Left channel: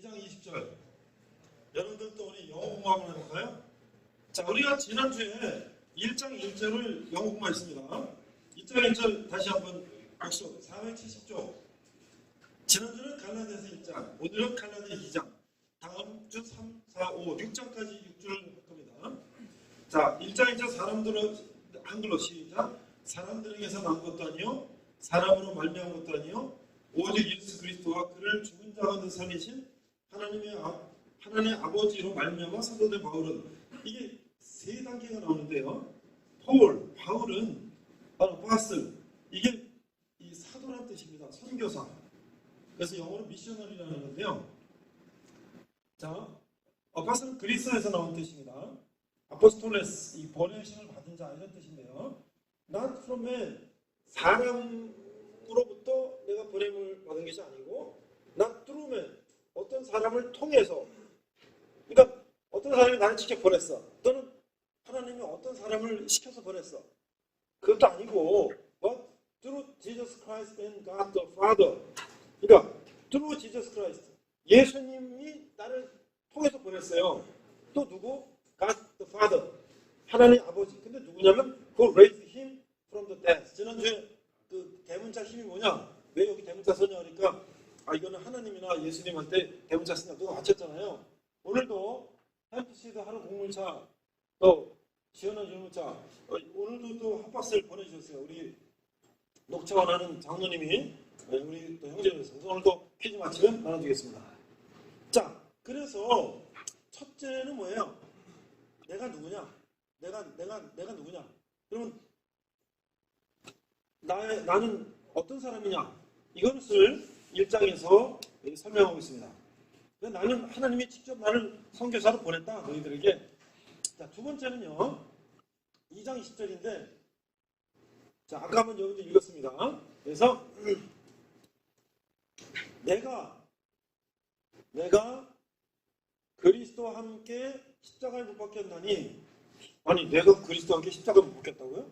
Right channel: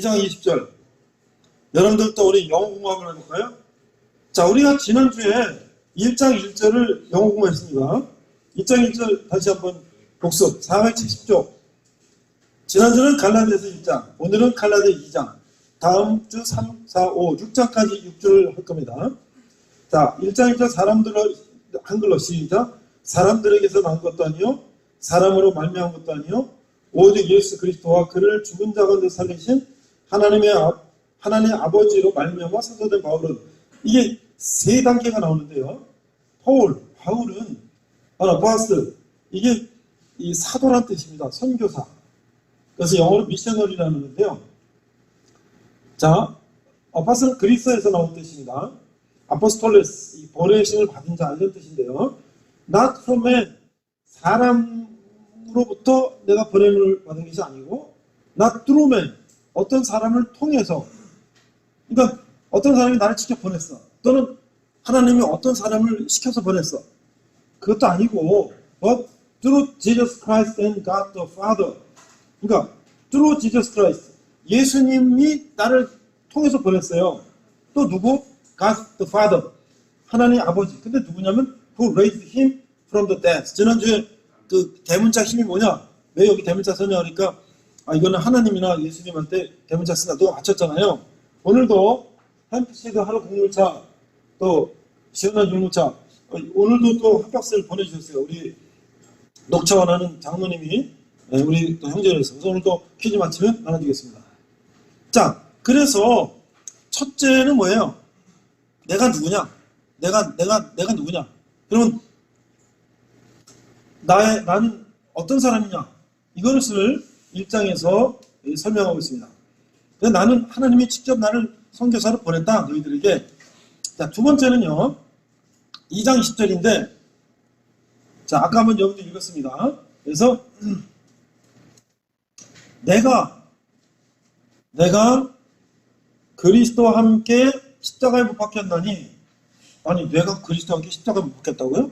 2장 20절. 여러분들도 우리 영어 공부하고 해볼까요? 자, 우리가 지난주에 1장 1절을 영어 공부했습니다. 2장 1절 다시 한번 복습. 470쪽. 지난주는 갈라디아서 1장, 오늘은 갈라디아 2장, 다음 주 3, 4, 5, 6장까지 6주를 할 겁니다. 자, 1장 1절 사람들을 한글로 시작. 사람들에게서 난 것도 아니요, 사람으로 말미암은 것도 아니요, 오직 예수 그리스도와 그를 죽은 자 가운데 살리신 하나님 아버지로 말미암아 사도된 바울은, 이게 세 단계가 나오는데요. 바울은 아포스톨, 이게 이 사도란 뜻입니다. 선교사. 그래서 영어로 미셔너리라는 건데요. 자, 아포스톨은 그리스어에서 나온 뜻입니다. 아포스톨레스, 이 보내심을 받은 자 이런 뜻인데요. Not from man, 사람으로부터 내가 보냄을 받은 것이 아니고, not through man, 어떤 사람을 통해서, 그러니까 어떤 사람이 나를 직접 보냈어, 또는 하나님이 어떤 사람을 시켜서 보냈어, 그것도 아니고 but through Jesus Christ and God the Father. 그러니까 through Jesus Christ, 예수님이 나를 통해서 보냈어요. 또 누구? God the Father, 하나님 아버지. 근데 누구냐면 who raised him from the dead. 지난주에 그 대문자 힘이 뭐냐? 왜 여기 대문자 쓰냐 하니까 이거는 하나님이나 예수님한테 대문자 쓰나 또 맞췄잖아요. 오늘도 햄프시드 하루 공물차, 또 시원한 유모차, 오늘도 또 합격서를 보내주셨어요. 우리 녹차원 하는 장로님이, 우리 또 형제로서. 그래서 오늘도 퀴즈 마치면 나눠주겠습니다. 자, 그래서 첫째는 뭐예요? 내가 누구냐? 내가 누구냐? 그러면 나는 어떤 사람이냐? 이것을 1장에서 설명하고 있습니다. 나는 하나님이 직접 나를 선교사로 보냈다, 너희들에게. 자, 두 번째는요, 2장 20절인데, 자, 아까 한번 여러분들 읽었습니다. 그래서 내가 그리스도와 함께 십자가에 못 박혔나니, 아니 내가 그리스도와 함께 십자가에 못 박혔다고요?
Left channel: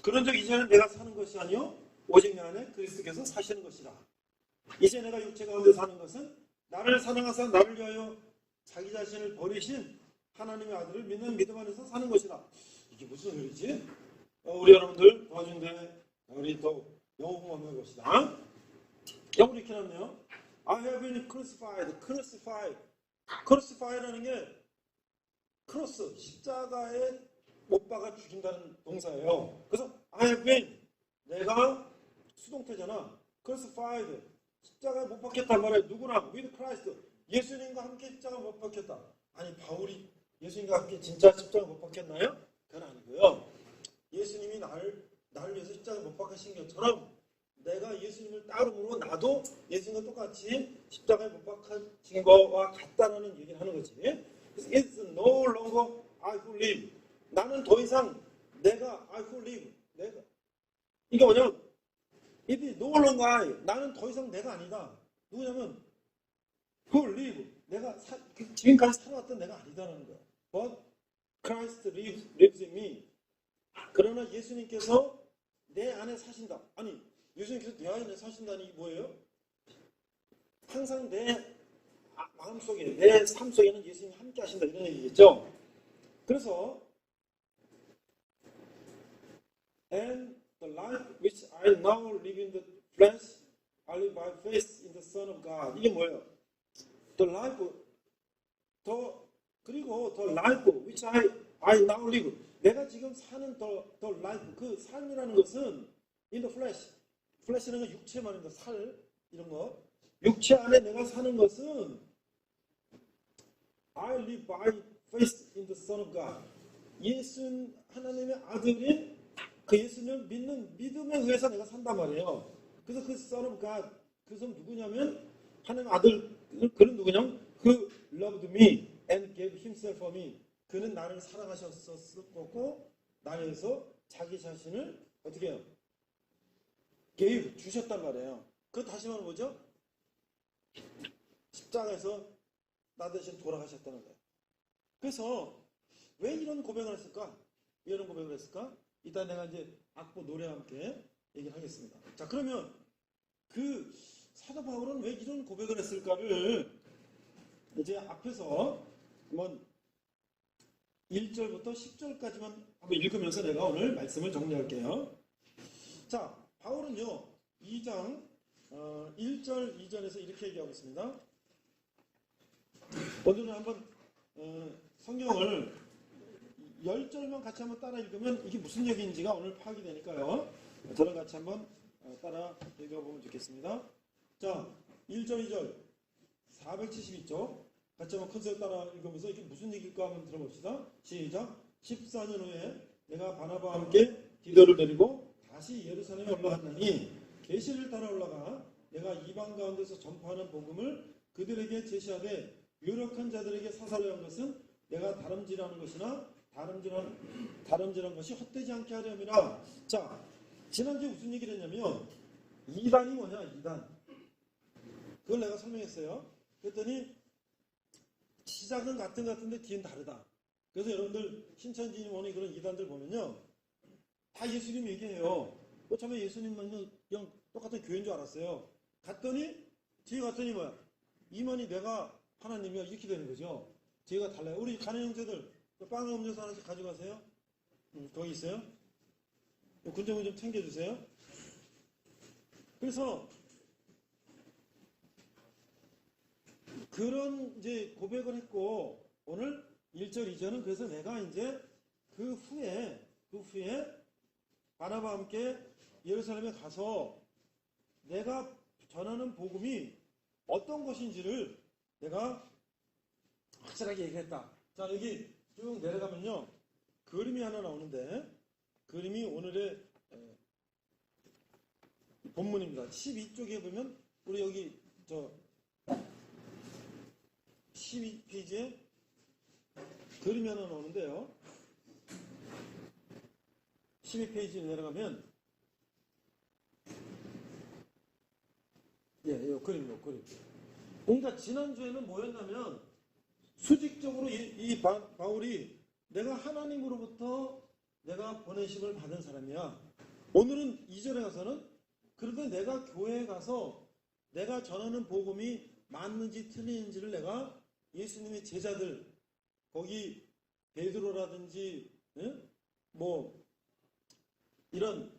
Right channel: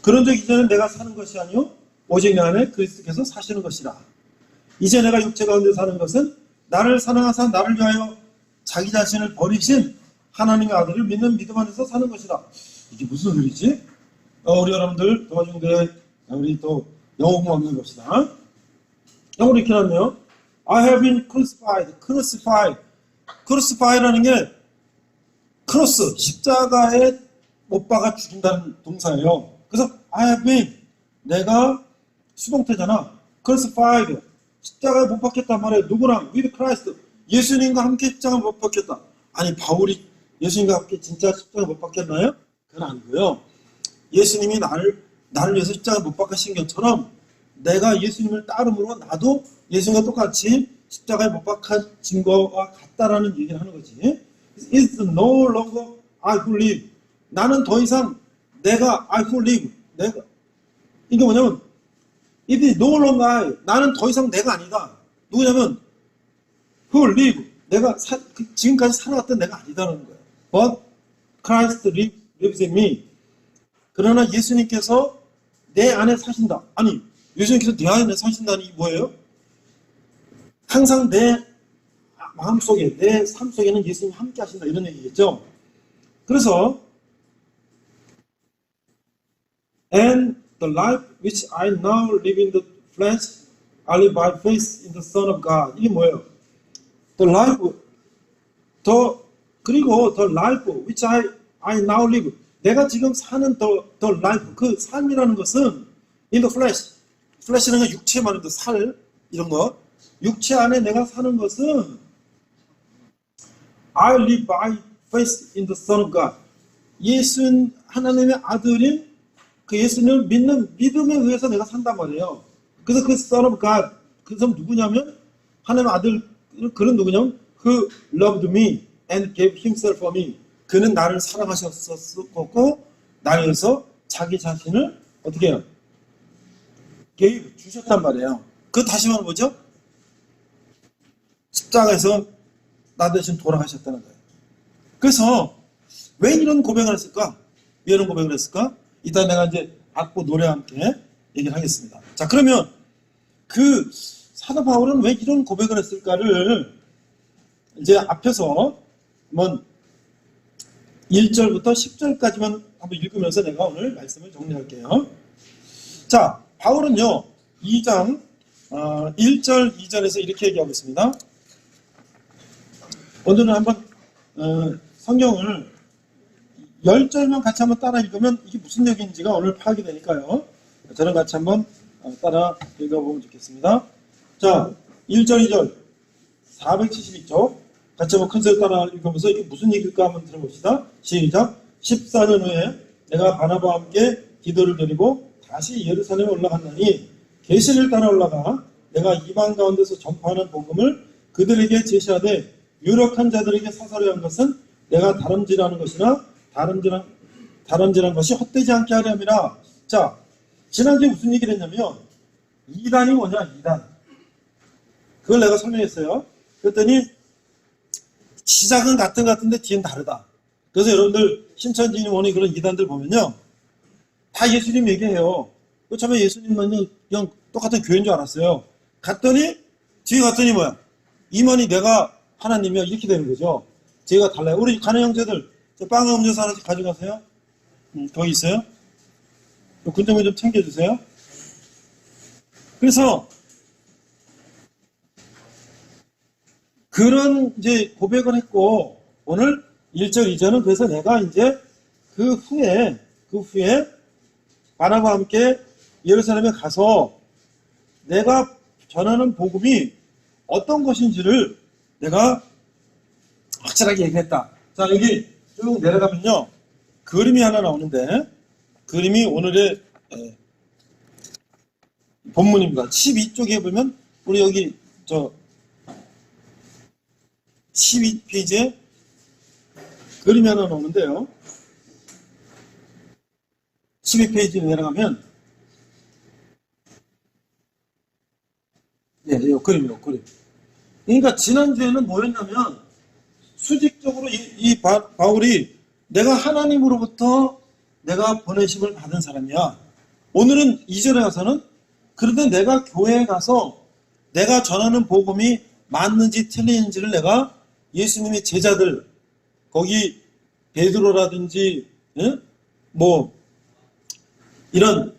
그런 적 이제는 내가 사는 것이 아니요 오직 내 안에 그리스도께서 사시는 것이라. 이제 내가 육체 가운데 사는 것은 나를 사랑하사 나를 위하여 자기 자신을 버리신 하나님의 아들을 믿는 믿음 안에서 사는 것이라. 이게 무슨 소리지? 우리 여러분들 도와주는데 우리 또 영어 공부 한번 해봅시다. 영어로 이렇게 나왔네요. I have been crucified. crucify라는 게 크로스, 십자가에 못 박아 죽인다는 동사예요. 그래서 I have been, 내가 수동태잖아. crucified, 십자가에 못 박혔단 말이에요. 누구랑? with Christ, 예수님과 함께 십자가에 못 박혔다. 아니 바울이 예수님과 함께 진짜 십자가에 못 박혔나요? 그건 아니고요. 예수님이 나를 위해서 십자가에 못 박히신 것처럼 내가 예수님을 따름으로 나도 예수님과 똑같이 십자가에 못 박힌 거와 같다라는 얘기를 하는 거지. It's no longer I who live. 나는 더 이상 내가 I who live. 이게 뭐냐면 It is no longer I. 나는 더 이상 내가 아니다. 누구냐면 who live. 내가 지금까지 살아왔던 내가 아니다라는 거예요. But Christ lives in me. 그러나 예수님께서 내 안에 사신다. 아니 예수님께서 내 안에 사신다는 게 뭐예요? 항상 내 마음속에, 내 삶 속에는 예수님이 함께 하신다, 이런 얘기겠죠. 그래서 And the life which I now live in the flesh, I live by faith in the Son of God. 이게 뭐예요? The life, 그리고 the life which I now live. 내가 지금 사는 the life, 그 삶이라는 것은 in the flesh. flesh라는 건 육체 말인데 살, 이런 거. 육체 안에 내가 사는 것은 I live by faith in the Son of God. 하나님의 아들인 그 예수님을 믿는 믿음에 의해서 내가 산단 말이에요. 그래서 그 Son of God, 그 사람 누구냐면 하나님의 아들, 그는 누구냐면 Who loved me and gave himself for me. 그는 나를 사랑하셨었고 나를 위해서 자기 자신을 어떻게 해요? gave, 주셨단 말이에요. 그 다시 말하면 뭐죠? 십자가에서 나 대신 돌아가셨다는 거예요. 그래서 왜 이런 고백을 했을까? 왜 이런 고백을 했을까? 이따 내가 이제 악보 노래와 함께 얘기를 하겠습니다. 자, 그러면 그 사도 바울은 왜 이런 고백을 했을까를 이제 앞에서 한번 1절부터 10절까지만 한번 읽으면서 내가 오늘 말씀을 정리할게요. 자, 바울은요 2장 1절 2절에서 이렇게 얘기하고 있습니다. 오늘은 한번 성경을 10절만 같이 한번 따라 읽으면 이게 무슨 얘기인지가 오늘 파악이 되니까요. 저랑 같이 한번 따라 읽어보면 좋겠습니다. 자, 1절 2절 472쪽 같이 한번 큰 소리 따라 읽으면서 이게 무슨 얘기일까 한번 들어봅시다. 시작. 14년 후에 내가 바나바와 함께 기도를 드리고 다시 예루살렘에 올라갔나니 계시를 따라 올라가 내가 이방 가운데서 전파하는 복음을 그들에게 제시하되 유력한 자들에게 사설해 한 것은 내가 다름질하는 것이나 다름질한 것이 헛되지 않게 하려 함이라. 자, 지난주에 무슨 얘기를 했냐면 이단이 뭐냐, 이단. 그걸 내가 설명했어요. 그랬더니 시작은 같은데 뒤는 다르다. 그래서 여러분들 신천지인 원이 그런 이단들 보면요 다 예수님 얘기해요. 처음에 예수님만이 그냥 똑같은 교회인 줄 알았어요. 갔더니 뒤에 갔더니 뭐야, 임원이 내가 하나님이야 이렇게 되는 거죠. 제가 달라요. 우리 가는 형제들 빵 음료수 하나씩 가져가세요. 거기 있어요. 군정을 좀 챙겨주세요. 그래서 그런 이제 고백을 했고 오늘 1절 2절은 그래서 내가 이제 그 후에 바나바와 함께 예루살렘에 가서 내가 전하는 복음이 어떤 것인지를 내가 확실하게 얘기했다. 자, 여기 쭉 내려가면요 그림이 하나 나오는데 그림이 오늘의 본문입니다. 12쪽에 보면 우리 여기 12페이지에 그림이 하나 나오는데요. 12페이지에 내려가면 이 그림이요, 그림. 그러니까 지난주에는 뭐였냐면 수직적으로 이 바울이 내가 하나님으로부터 내가 보내심을 받은 사람이야. 오늘은 2절에 가서는 그런데 내가 교회에 가서 내가 전하는 복음이 맞는지 틀리는지를 내가 예수님의 제자들 거기 베드로라든지 뭐 이런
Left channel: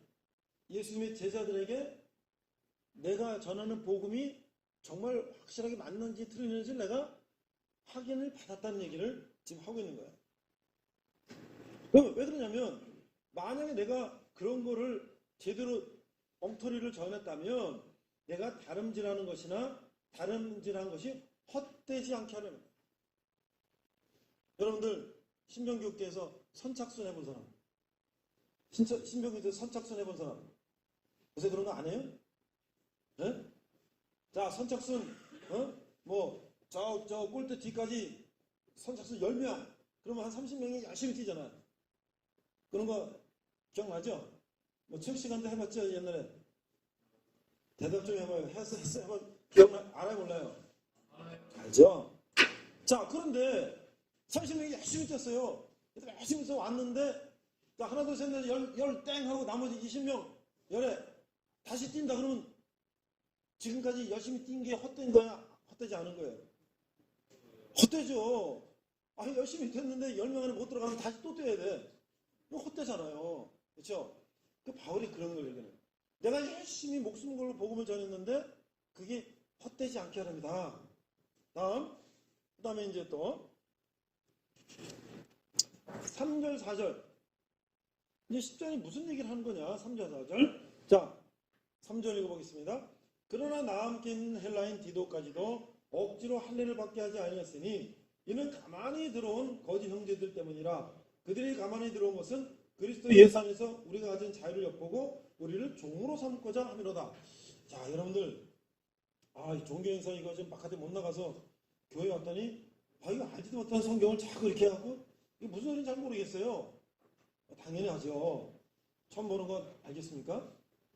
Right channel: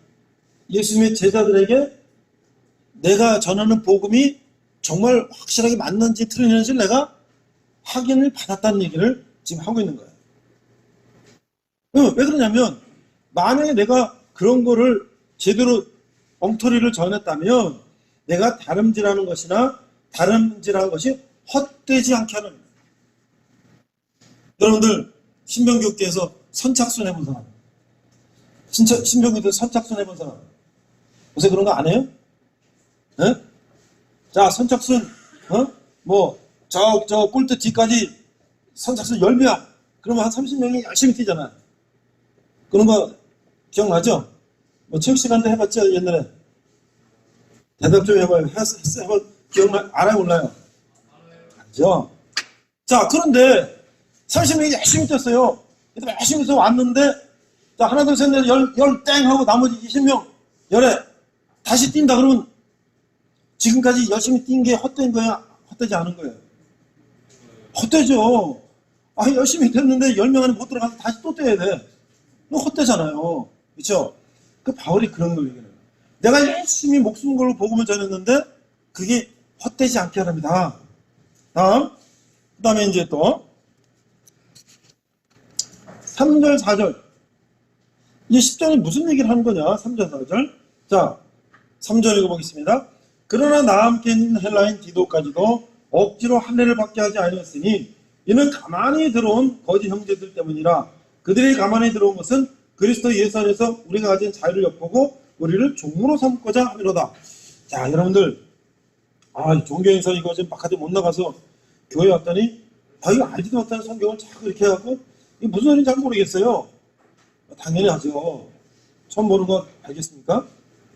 예수님의 제자들에게 내가 전하는 복음이 정말 확실하게 맞는지 틀리는지를 내가 확인을 받았다는 얘기를 지금 하고 있는 거예요. 왜 그러냐면 만약에 내가 그런 거를 제대로 엉터리를 전했다면 내가 다름질하는 것이나 다름질하는 것이 헛되지 않게 하는 거예요. 여러분들 신병교육대에서 선착순 해본 사람, 신병교육대 선착순 해본 사람 요새 그런 거 안 해요? 네? 자, 선착순 저 꼴대 뒤까지 선착순 10명 그러면 한 30명이 열심히 뛰잖아요. 그런 거 기억나죠? 뭐 체육 시간도 해봤죠 옛날에? 대답 좀 해봐요. 해봐 기억나? 알아요 몰라요? 알죠? 자, 그런데 30명이 열심히 뛰었어요. 열심히 해서 왔는데 자, 하나 둘 셋 넷 열 땡 하고 나머지 20명 열에 다시 뛴다 그러면 지금까지 열심히 뛴 게 헛된 거야? 헛되지 않은 거예요? 헛되죠. 열심히 뛰었는데 10명 안에 못 들어가서 다시 또 뛰어야 돼. 너 헛되잖아요. 그렇죠? 그 바울이 그런 걸 얘기해요. 내가 열심히 목숨 걸고 복음을 전했는데 그게 헛되지 않게 하랍니다. 그 다음에 이제 또 3절 4절 이제 10절은 무슨 얘기를 하는 거냐? 3절 4절 자 3절 읽어보겠습니다. 그러나 나와 함께 있는 헬라인 디도까지도 억지로 할례를 받게 하지 아니었으니 이는 가만히 들어온 거짓 형제들 때문이라. 그들이 가만히 들어온 것은 그리스도 예수 안에서 우리가 가진 자유를 엿보고 우리를 종으로 삼고자 함이로다. 자, 여러분들 종교행사 이거 지금 바깥에 못 나가서 교회 왔더니 이거 알지도 못하는 성경을 자꾸 이렇게 해갖고 이게 무슨 소리인지 잘 모르겠어요. 당연히 하죠. 처음 보는 거 알겠습니까?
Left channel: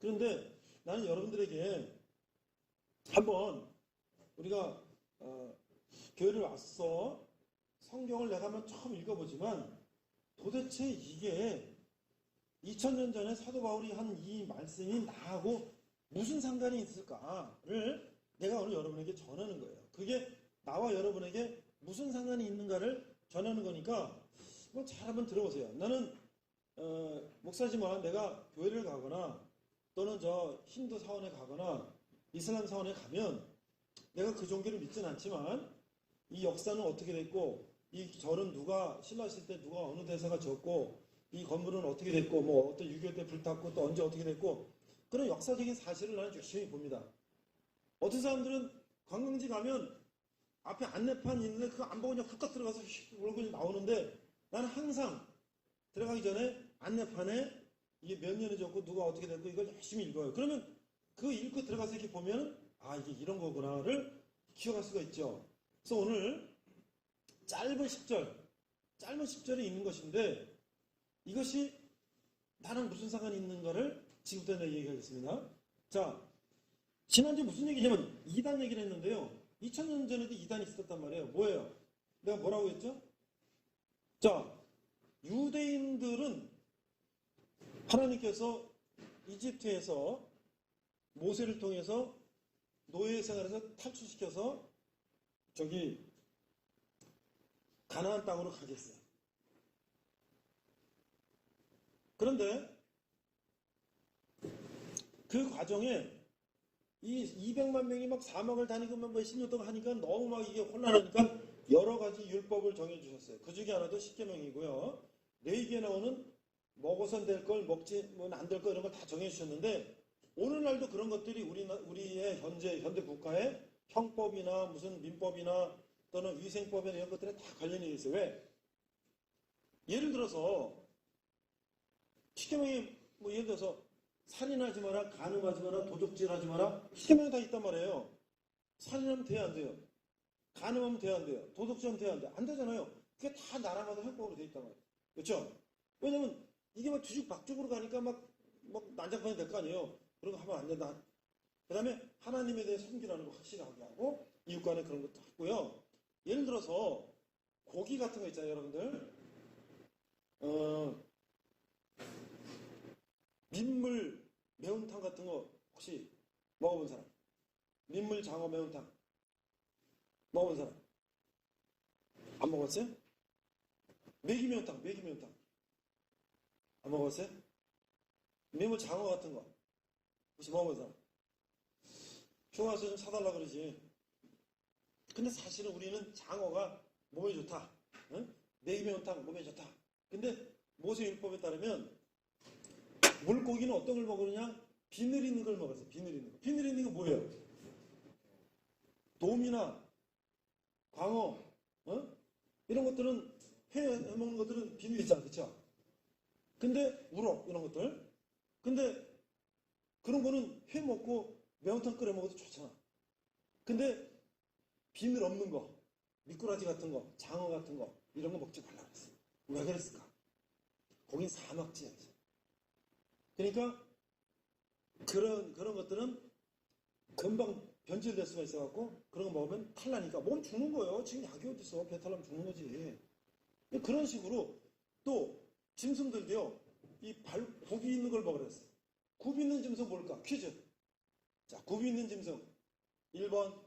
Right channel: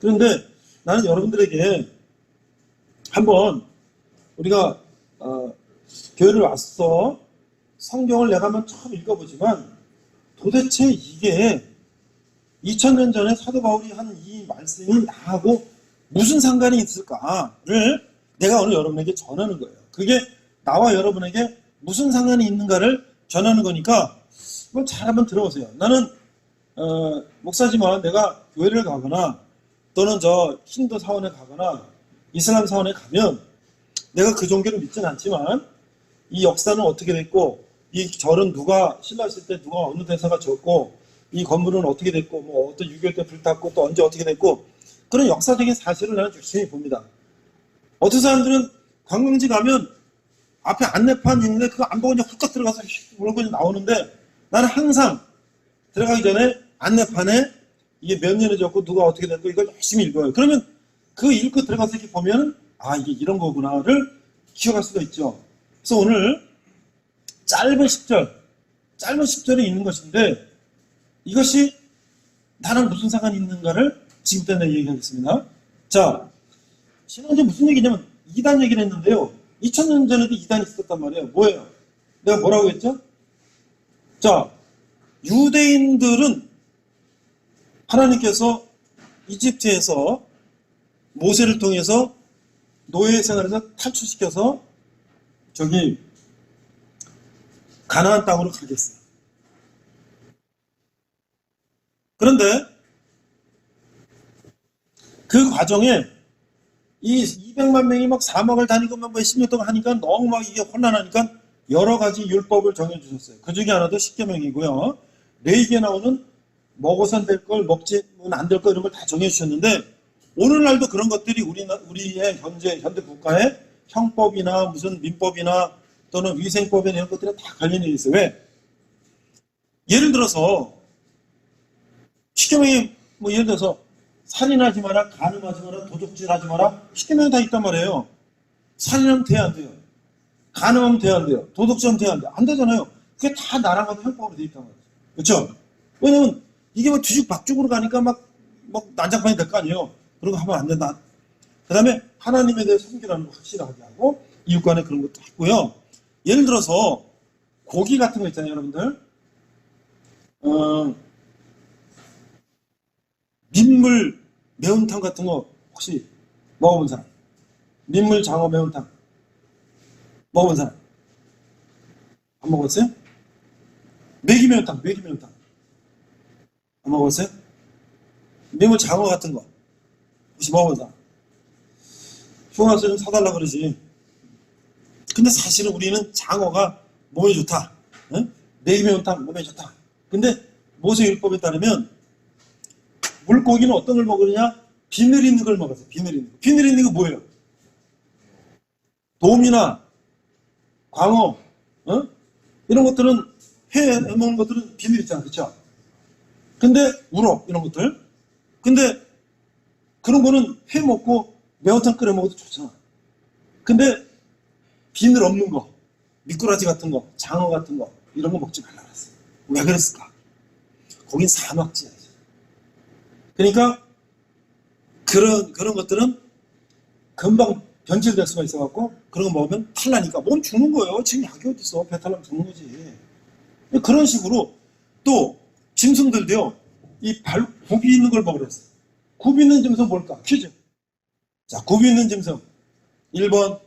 그런데 나는 여러분들에게 한번 우리가 교회를 왔어 성경을 내가 한번 처음 읽어보지만 도대체 이게 2000년 전에 사도 바울이 한 이 말씀이 나하고 무슨 상관이 있을까를 내가 오늘 여러분에게 전하는 거예요. 그게 나와 여러분에게 무슨 상관이 있는가를 전하는 거니까 이걸 잘 한번 들어보세요. 나는 목사지만 내가 교회를 가거나 또는 저 힌두 사원에 가거나 이슬람 사원에 가면 내가 그 종교를 믿지는 않지만 이 역사는 어떻게 됐고 이 절은 누가 신라했을 때 누가 어느 대사가 졌고 이 건물은 어떻게 됐고 뭐 어떤 6.25 때 불탔고 또 언제 어떻게 됐고 그런 역사적인 사실을 나는 열심히 봅니다. 어떤 사람들은 관광지 가면 앞에 안내판 있는데 그거 안 보고 그냥 훅 들어가서 물고 나오는데 나는 항상 들어가기 전에 안내판에 이게 몇 년에 졌고 누가 어떻게 됐고 이걸 열심히 읽어요. 그러면 그 읽고 들어가서 이렇게 보면 아 이게 이런 거구나를 기억할 수가 있죠. 그래서 오늘 짧은 10절에 있는 것인데 이것이 나랑 무슨 상관이 있는가를 지금부터 내가 얘기하겠습니다. 자, 지난주에 무슨 얘기냐면 2단 얘기를 했는데요. 2000년 전에도 2단이 있었단 말이에요. 뭐예요? 내가 뭐라고 했죠? 자, 유대인들은 하나님께서 이집트에서 모세를 통해서 노예 생활에서 탈출시켜서 저기 가나안 땅으로 가겠어요. 그런데 그 과정에 이 200만 명이 막 사막을 다니고 막 몇십 년 동안 하니까 너무 막 이게 혼란하니까 여러 가지 율법을 정해주셨어요. 그 중에 하나도 십계명이고요. 레위기에 나오는 먹어선 될 걸, 먹지는 안 될 걸 이런 걸 다 정해주셨는데 오늘날도 그런 것들이 우리의 현대 국가의 형법이나 무슨 민법이나 또는 위생법이나 이런 것들이 다 관련이 있어요. 왜? 예를 들어서 십계명이 뭐 예를 들어서 살인하지 마라, 간음하지 마라, 도둑질하지 마라. 십계명이 다 있단 말이에요. 살인하면 돼야 안 돼요. 간음하면 돼야 안 돼요. 도둑질하면 돼야 안 돼요. 안 되잖아요. 그게 다 나라마다 형법으로 돼 있단 말이에요. 그렇죠? 왜냐면 이게 뭐 뒤죽박죽으로 가니까 막 난장판이 될 거 아니에요. 그런 거 하면 안 된다. 그 다음에 하나님에 대해 섬기라는 거 확실하게 하고 이웃 간에 그런 것도 했고요. 예를 들어서 고기 같은 거 있잖아요, 여러분들. 민물 매운탕 같은 거 혹시 먹어본 사람? 민물 장어 매운탕 먹어본 사람? 안 먹었어요? 메기 매운탕 안 먹었어요? 민물 장어 같은 거 혹시 먹어본 사람? 휴가 와서 좀 사달라 그러지. 근데 사실은 우리는 장어가 몸에 좋다. 응? 메기 매운탕 몸에 좋다. 근데 모세율법에 따르면 물고기는 어떤 걸 먹으느냐? 비늘 있는 걸 먹었어요. 비늘 있는 거. 비늘 있는 거 뭐예요? 돔이나 광어, 이런 것들은 회 먹는 것들은 비늘 있잖아, 그렇죠? 근데 우럭 이런 것들. 근데 그런 거는 회 먹고 매운탕 끓여 먹어도 좋잖아. 근데 비늘 없는 거, 미꾸라지 같은 거, 장어 같은 거 이런 거 먹지 말라 그랬어요. 왜 그랬을까? 거긴 사막지야. 그러니까 그런 것들은 금방 변질될 수가 있어갖고 그런 거 먹으면 탈나니까 몸 죽는 거예요. 지금 약이 어디 있어? 배탈 나면 죽는 거지. 그런 식으로 또 짐승들도요. 이 굽이 있는 걸 먹으라 했어요. 굽이 있는 짐승 뭘까? 퀴즈. 자, 굽이 있는 짐승 1번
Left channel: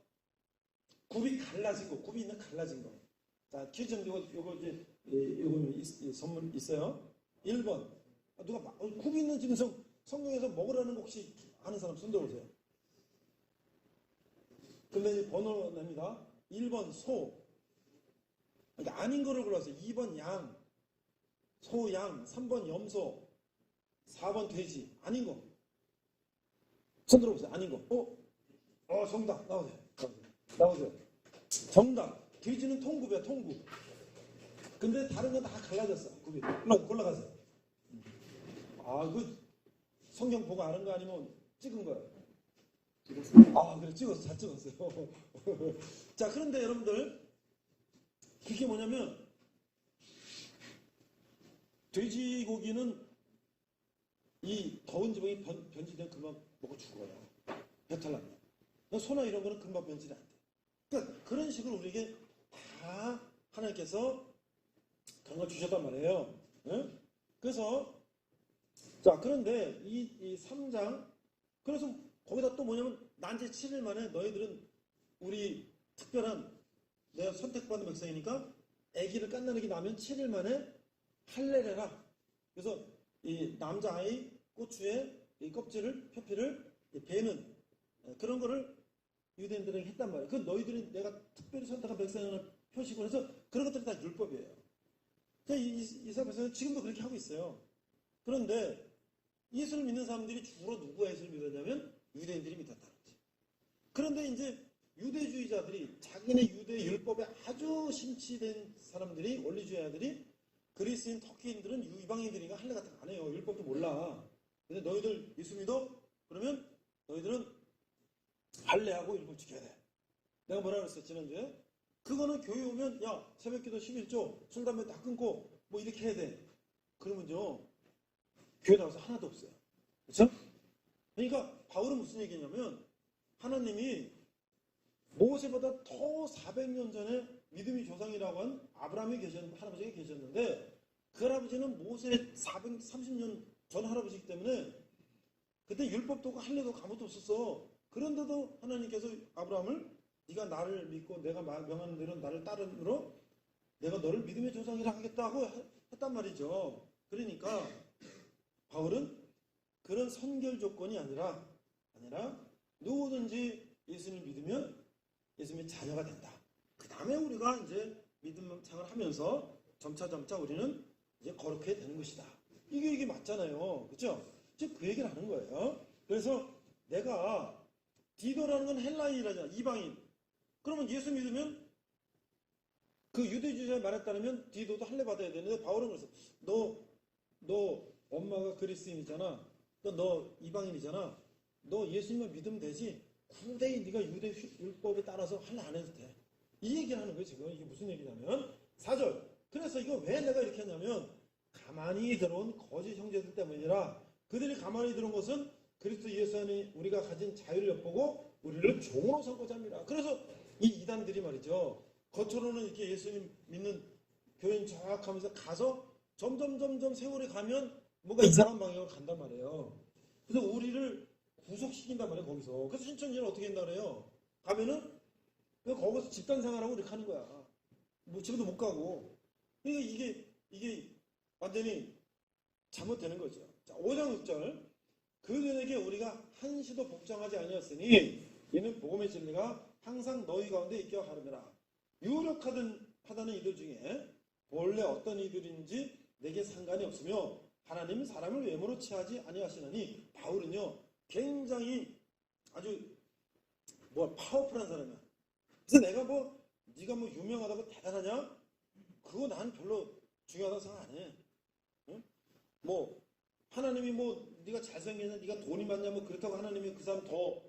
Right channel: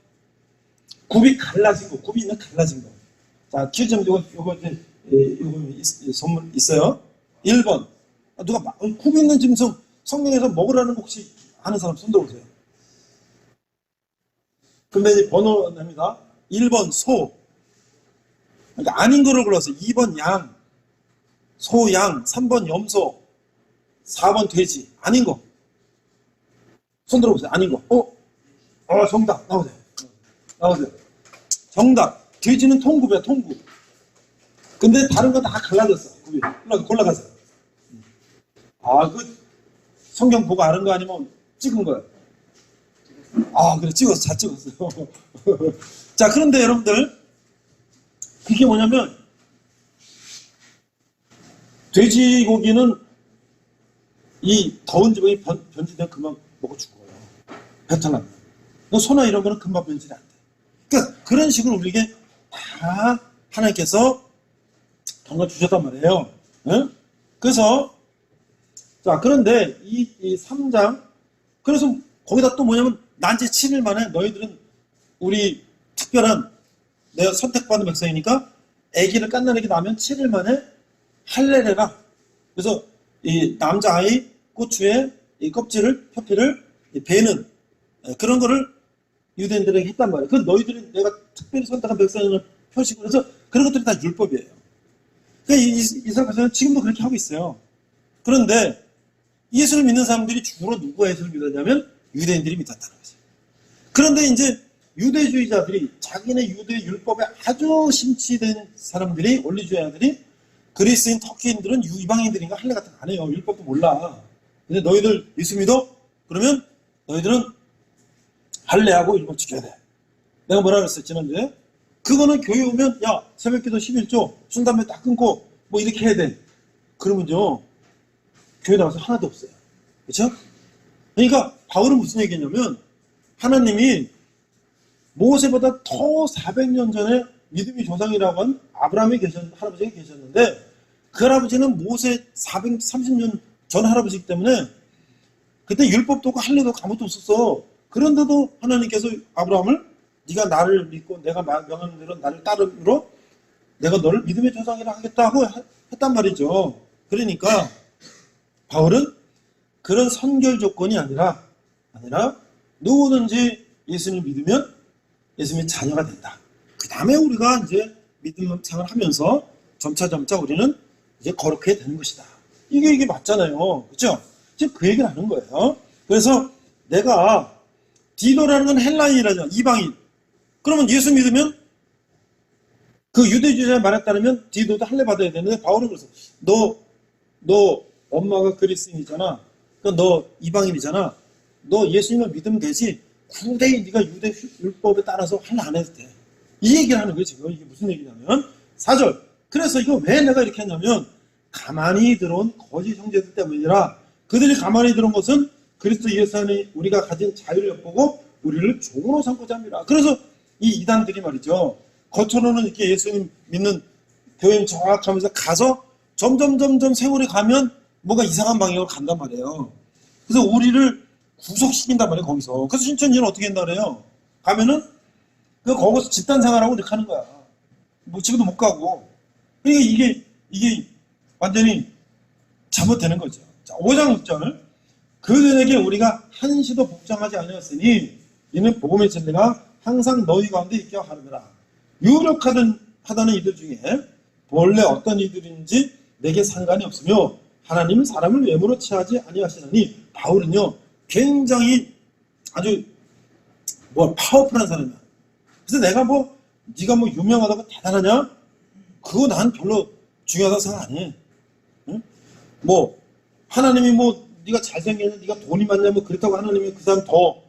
굽이 갈라진 거. 굽이 있는 갈라진 거. 자, 퀴즈 요거 선물 있어요. 1번 누가 굽이 있는 짐승 성경에서 먹으라는 거 혹시 아는 사람 손 들어보세요. 근데 이제 번호 냅니다. 1번 소. 그러니까 아닌 거를 골랐어요. 2번 양, 소, 양, 3번 염소, 4번 돼지. 아닌 거. 손 들어보세요. 아닌 거. 정답. 나오세요. 정답. 돼지는 통굽이야, 통굽. 근데 다른 건 다 갈라졌어. 굽이. 골라가세요. 그 성경 보고 아는 거 아니면 찍은 거예요? 그래, 잘 찍었어요. 자, 그런데 여러분들, 그게 뭐냐면, 돼지고기는 이 더운 지방이 변질되면 금방 먹어 죽어요. 배탈 납니다. 소나 이런 거는 금방 변질이 안 돼. 그러니까 그런 식으로 우리에게 다 하나님께서 정말 주셨단 말이에요. 응? 그래서 자, 그런데 이 3장 그래서 거기다 또 뭐냐면 난제 7일 만에 너희들은 우리 특별한 내가 선택받은 백성이니까 아기를 갓난아기 낳으면 7일 만에 할례래라. 그래서 이 남자아이 고추의 이 껍질을 표피를 베는 그런 거를 유대인들에게 했단 말이에요. 그 너희들이 내가 특별히 선택한 백성을 표시고 그래서 그런 것들이 다 율법이에요. 그러니까 이스라엘 백성은 지금도 그렇게 하고 있어요. 그런데 예수를 믿는 사람들이 주로 누가 예수를 믿었냐면 유대인들이 믿었다는 거죠. 그런데 이제 유대주의자들이 자기네 유대 율법에 아주 심취된 사람들이 원리주의자들이 그리스인 터키인들은 이방인들인가 할례 같은 거 안 해요. 율법도 몰라. 근데 너희들 예수 믿어? 그러면 너희들은 할례하고 율법 지켜야 돼. 내가 뭐라 그랬어 지난주에? 그거는 교회 오면 야 새벽기도 11조 순담배 딱 끊고 뭐 이렇게 해야 돼. 그러면요 교회 나와서 하나도 없어요. 그렇죠? 그러니까 바울은 무슨 얘기냐면 하나님이 모세보다 더 400년 전에 믿음의 조상이라고 한 아브라함이 할아버지가 계셨는데 그 할아버지는 모세 430년 전 할아버지이기 때문에 그때 율법도 없고 할례도 없고 아무것도 없었어. 그런데도 하나님께서 아브라함을 네가 나를 믿고 내가 명하는 대로 나를 따름으로 내가 너를 믿음의 조상이라 하겠다고 했단 말이죠. 그러니까 바울은 그런 선결 조건이 아니라 누구든지 예수님을 믿으면 예수님의 자녀가 된다. 그 다음에 우리가 이제 믿음 생활을 하면서 점차 우리는 이제 거룩해야 되는 것이다. 이게 맞잖아요. 그렇죠? 지금 그 얘기를 하는 거예요. 그래서 내가 디도라는 건 헬라인이라잖아. 이방인. 그러면 예수 믿으면 그 유대주의자의 말에 따르면 디도도 할례 받아야 되는데 바울은 그래서 너 엄마가 그리스인이잖아. 그러니까 너 이방인이잖아. 너 예수님을 믿으면 되지. 굳이 네가 유대 율법에 따라서 할례 안 해도 돼. 이 얘기를 하는 거예요. 지금 이게 무슨 얘기냐면 4절. 그래서 이거 왜 내가 이렇게 했냐면 가만히 들어온 거짓 형제들 때문이라 그들이 가만히 들어온 것은 그리스도 예수 안에 우리가 가진 자유를 엿보고 우리를 종으로 삼고자 합니다. 그래서 이 이단들이 말이죠. 겉으로는 이렇게 예수님 믿는 교인 정확하면서 가서 점점 세월이 가면 뭔가 이상한 방향으로 간단 말이에요. 그래서 우리를 구속시킨단 말이에요. 거기서. 그래서 신천지는 어떻게 한다 그래요? 가면은 거기서 집단 생활하고 이렇게 하는 거야. 뭐 집에도 못 가고. 그러니까 이게 완전히 잘못되는 거죠. 자, 5장 6절. 그들에게 우리가 한시도 복종하지 아니었으니 이는 복음의 진리가 항상 너희 가운데 있게 하느니라. 유력하다는 이들 중에 본래 어떤 이들인지 내게 상관이 없으며 하나님은 사람을 외모로 취하지 아니하시나니 바울은요 굉장히 아주 파워풀한 사람이야. 그래서 내가 네가 유명하다고 대단하냐? 그거 난 별로 중요하다고 생각 안 해. 응? 하나님이 네가 잘생겼냐, 네가 돈이 많냐, 그렇다고 하나님이 그 사람 더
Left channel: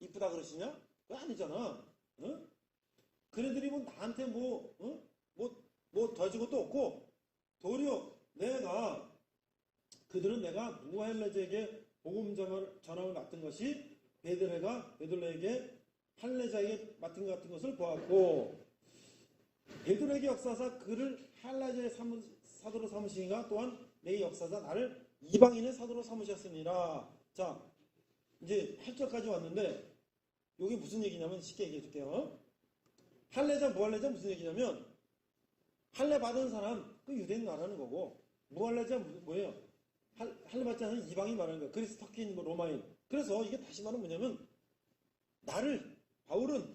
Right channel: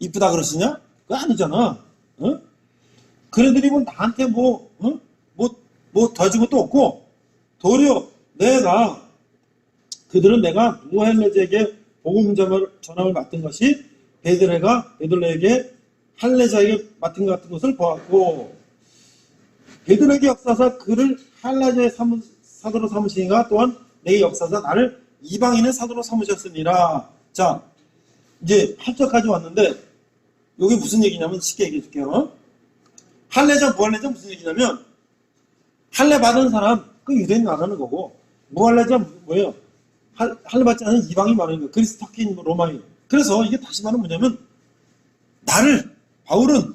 이쁘다 그러시냐? 그거 아니잖아. 응? 그네들이 나한테 더 준 것도 없고, 도리어 그들은 내가 무할례자에게 복음 전함을 맡은 것이 베들레에게 할례자에게 맡은 것 같은 것을 보았고, 베들레에게 역사사 그를 할례자의 사도로 삼으시니가 또한 내게 역사사 나를 이방인의 사도로 삼으셨으니라. 자, 이제 8절까지 왔는데 이게 무슨 얘기냐면 쉽게 얘기해 줄게요. 할례자, 무할례자 무슨 얘기냐면 할례 받은 사람 그 유대인 말하는 거고 무할례자 뭐예요? 할례 받지 않은 이방인 말하는 거예요. 그리스 터키인 로마인. 그래서 이게 다시 말하면 뭐냐면 바울은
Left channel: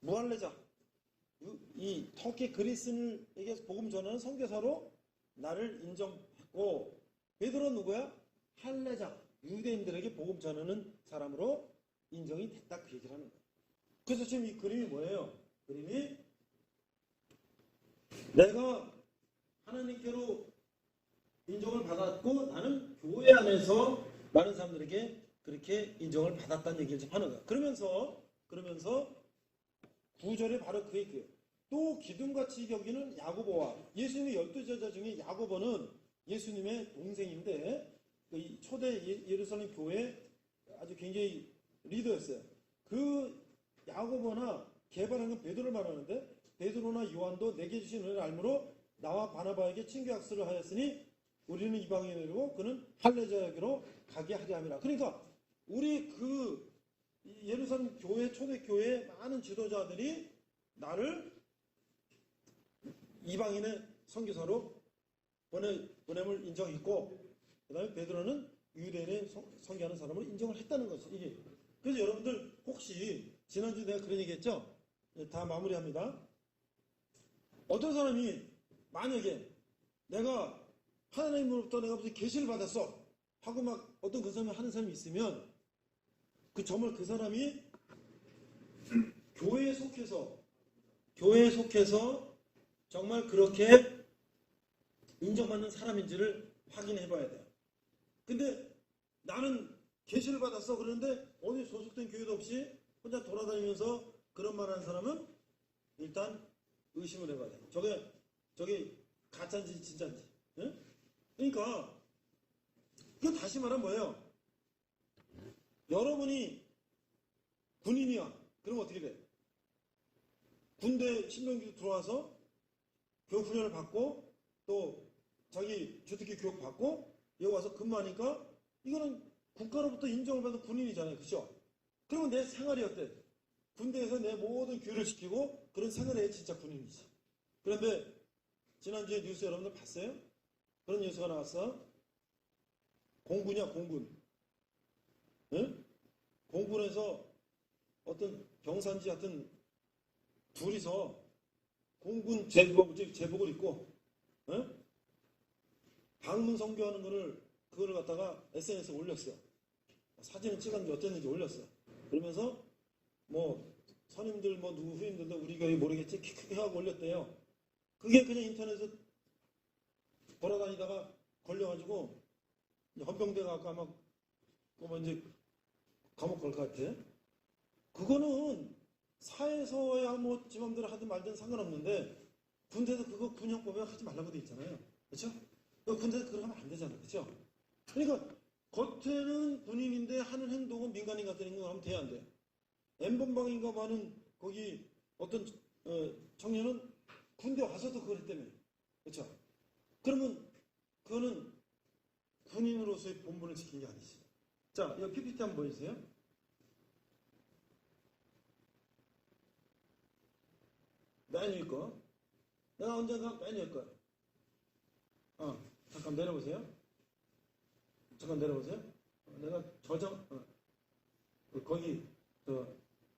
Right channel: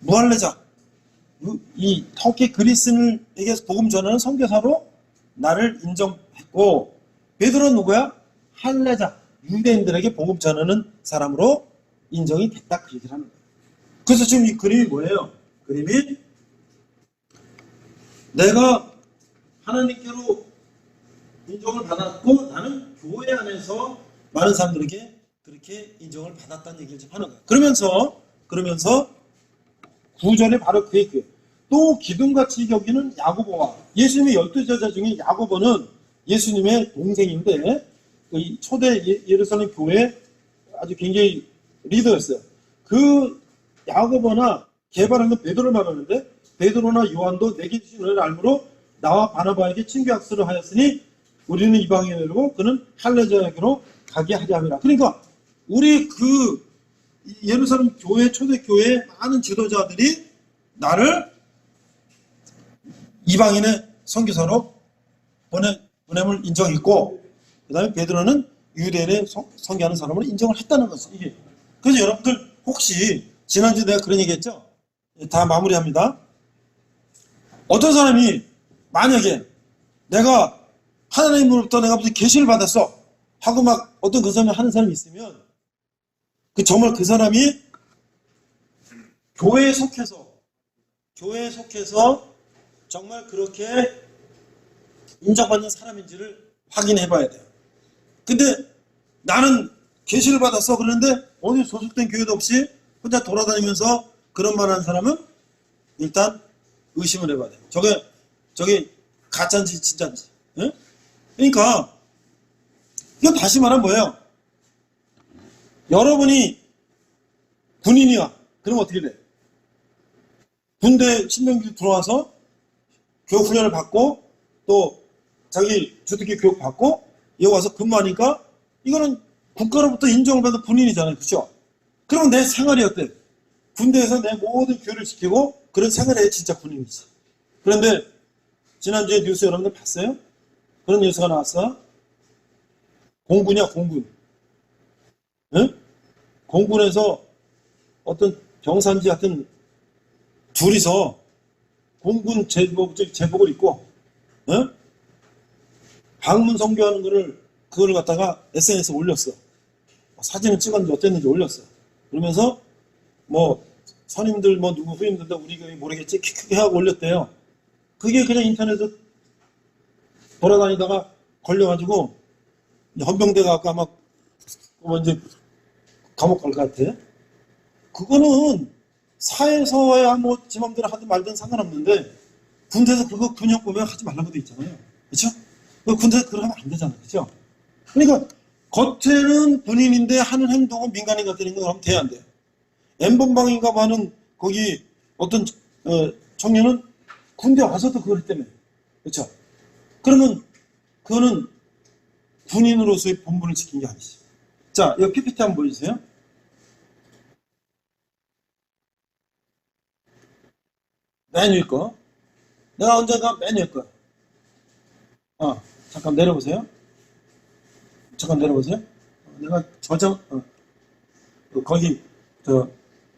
무할례자 이 터키 그리스인에게 복음 전하는 선교사로 나를 인정했고 베드로는 누구야? 할례자 유대인들에게 복음 전하는 사람으로 인정이 됐다 그 얘기를 하는 거예요. 그래서 지금 이 그림이 뭐예요? 그림이 내가 하나님께로 인정을 받았고 나는 교회 안에서 많은 사람들에게 그렇게 인정을 받았다는 얘기를 좀 하는 거예요. 그러면서 9절에 바로 그 얘기예요. 또 기둥같이 여기는 야고보와 예수님의 12제자 중에 야고보는 예수님의 동생인데 초대 예루살렘 교회 아주 굉장히 리더였어요. 그 야고보나 개발하는 베드로를 말하는데 베드로나 요한도 내게 주신 은혜를 알므로 나와 바나바에게 친교 약속을 하였으니 우리는 이방인으로 그는 할례자에게로 가게 하려 함이라. 그러니까 우리 그 예루살렘 교회 초대 교회 많은 지도자들이 나를 이방인의 선교사로 보냄을 인정했고, 그 다음에 베드로는 유대인의 선교하는 사람을 인정을 했다는 것이 이게. 그래서 여러분들 혹시 지난주에 내가 그런 얘기했죠? 다 마무리합니다. 어떤 사람이 만약에 내가 하나님으로부터 내가 무슨 계시를 받았어 하고 막 어떤 그 사람이 하는 사람이 있으면 정말 그 사람이 교회에 속해서 정말 그렇게 인정받는 사람인지를 확인해 봐야 돼요. 근데 나는 계시를 받았어 그러는데 어디 소속된 교회도 없이 혼자 돌아다니면서 그런 말 하는 사람은 일단 의심을 해봐야 돼요. 저게 가짜인지 진짜인지. 예? 그러니까 이건 다시 말하면 뭐예요? 여러분이 군인이야. 그러면 어떻게 돼? 군대 신병기 들어와서 교육 훈련을 받고 또 자기 주특기 교육 받고 여기 와서 근무하니까 이거는 국가로부터 인정을 받은 군인이잖아요. 그렇죠? 그러면 내 생활이 어때? 군대에서 내 모든 교육을 시키고 그런 생활을 해 진짜 군인이지. 그런데 지난주에 뉴스 여러분들 봤어요? 그런 뉴스가 나왔어? 공군이야 공군. 응? 공군에서 어떤 병사인지 하여튼 둘이서 공군 제복을 입고 방문 선교하는 그걸 갖다가 SNS에 올렸어. 사진을 찍었는지 어땠는지 올렸어. 그러면서 뭐 선임들 뭐 누구 후임들도 우리 교회 모르겠지 크게 하고 올렸대요. 그게 그냥 인터넷에 돌아다니다가 걸려가지고 헌병대 가고 아마 이제 감옥 갈 것 같아. 그거는 사회에서야 뭐 지 맘대로 하든 말든 상관없는데 군대에서 그거 근육 보면 하지 말라고 돼 있잖아요. 그렇죠? 군대에서 그거 하면 안 되잖아요. 그렇죠? 그러니까 겉에는 군인인데 하는 행동은 민간인 같은 행동을 하면 돼야 안 돼요. N번방인가 하는 거기 어떤 청년은 군대 와서도 그걸 했다며. 그렇죠? 그러면 그거는 군인으로서의 본분을 지킨 게 아니지. 자, 여기 PPT 한번 보여주세요. 맨 위에 거. 내가 언젠가 맨 위에 거. 잠깐 내려보세요. 잠깐 내려보세요. 내가 거기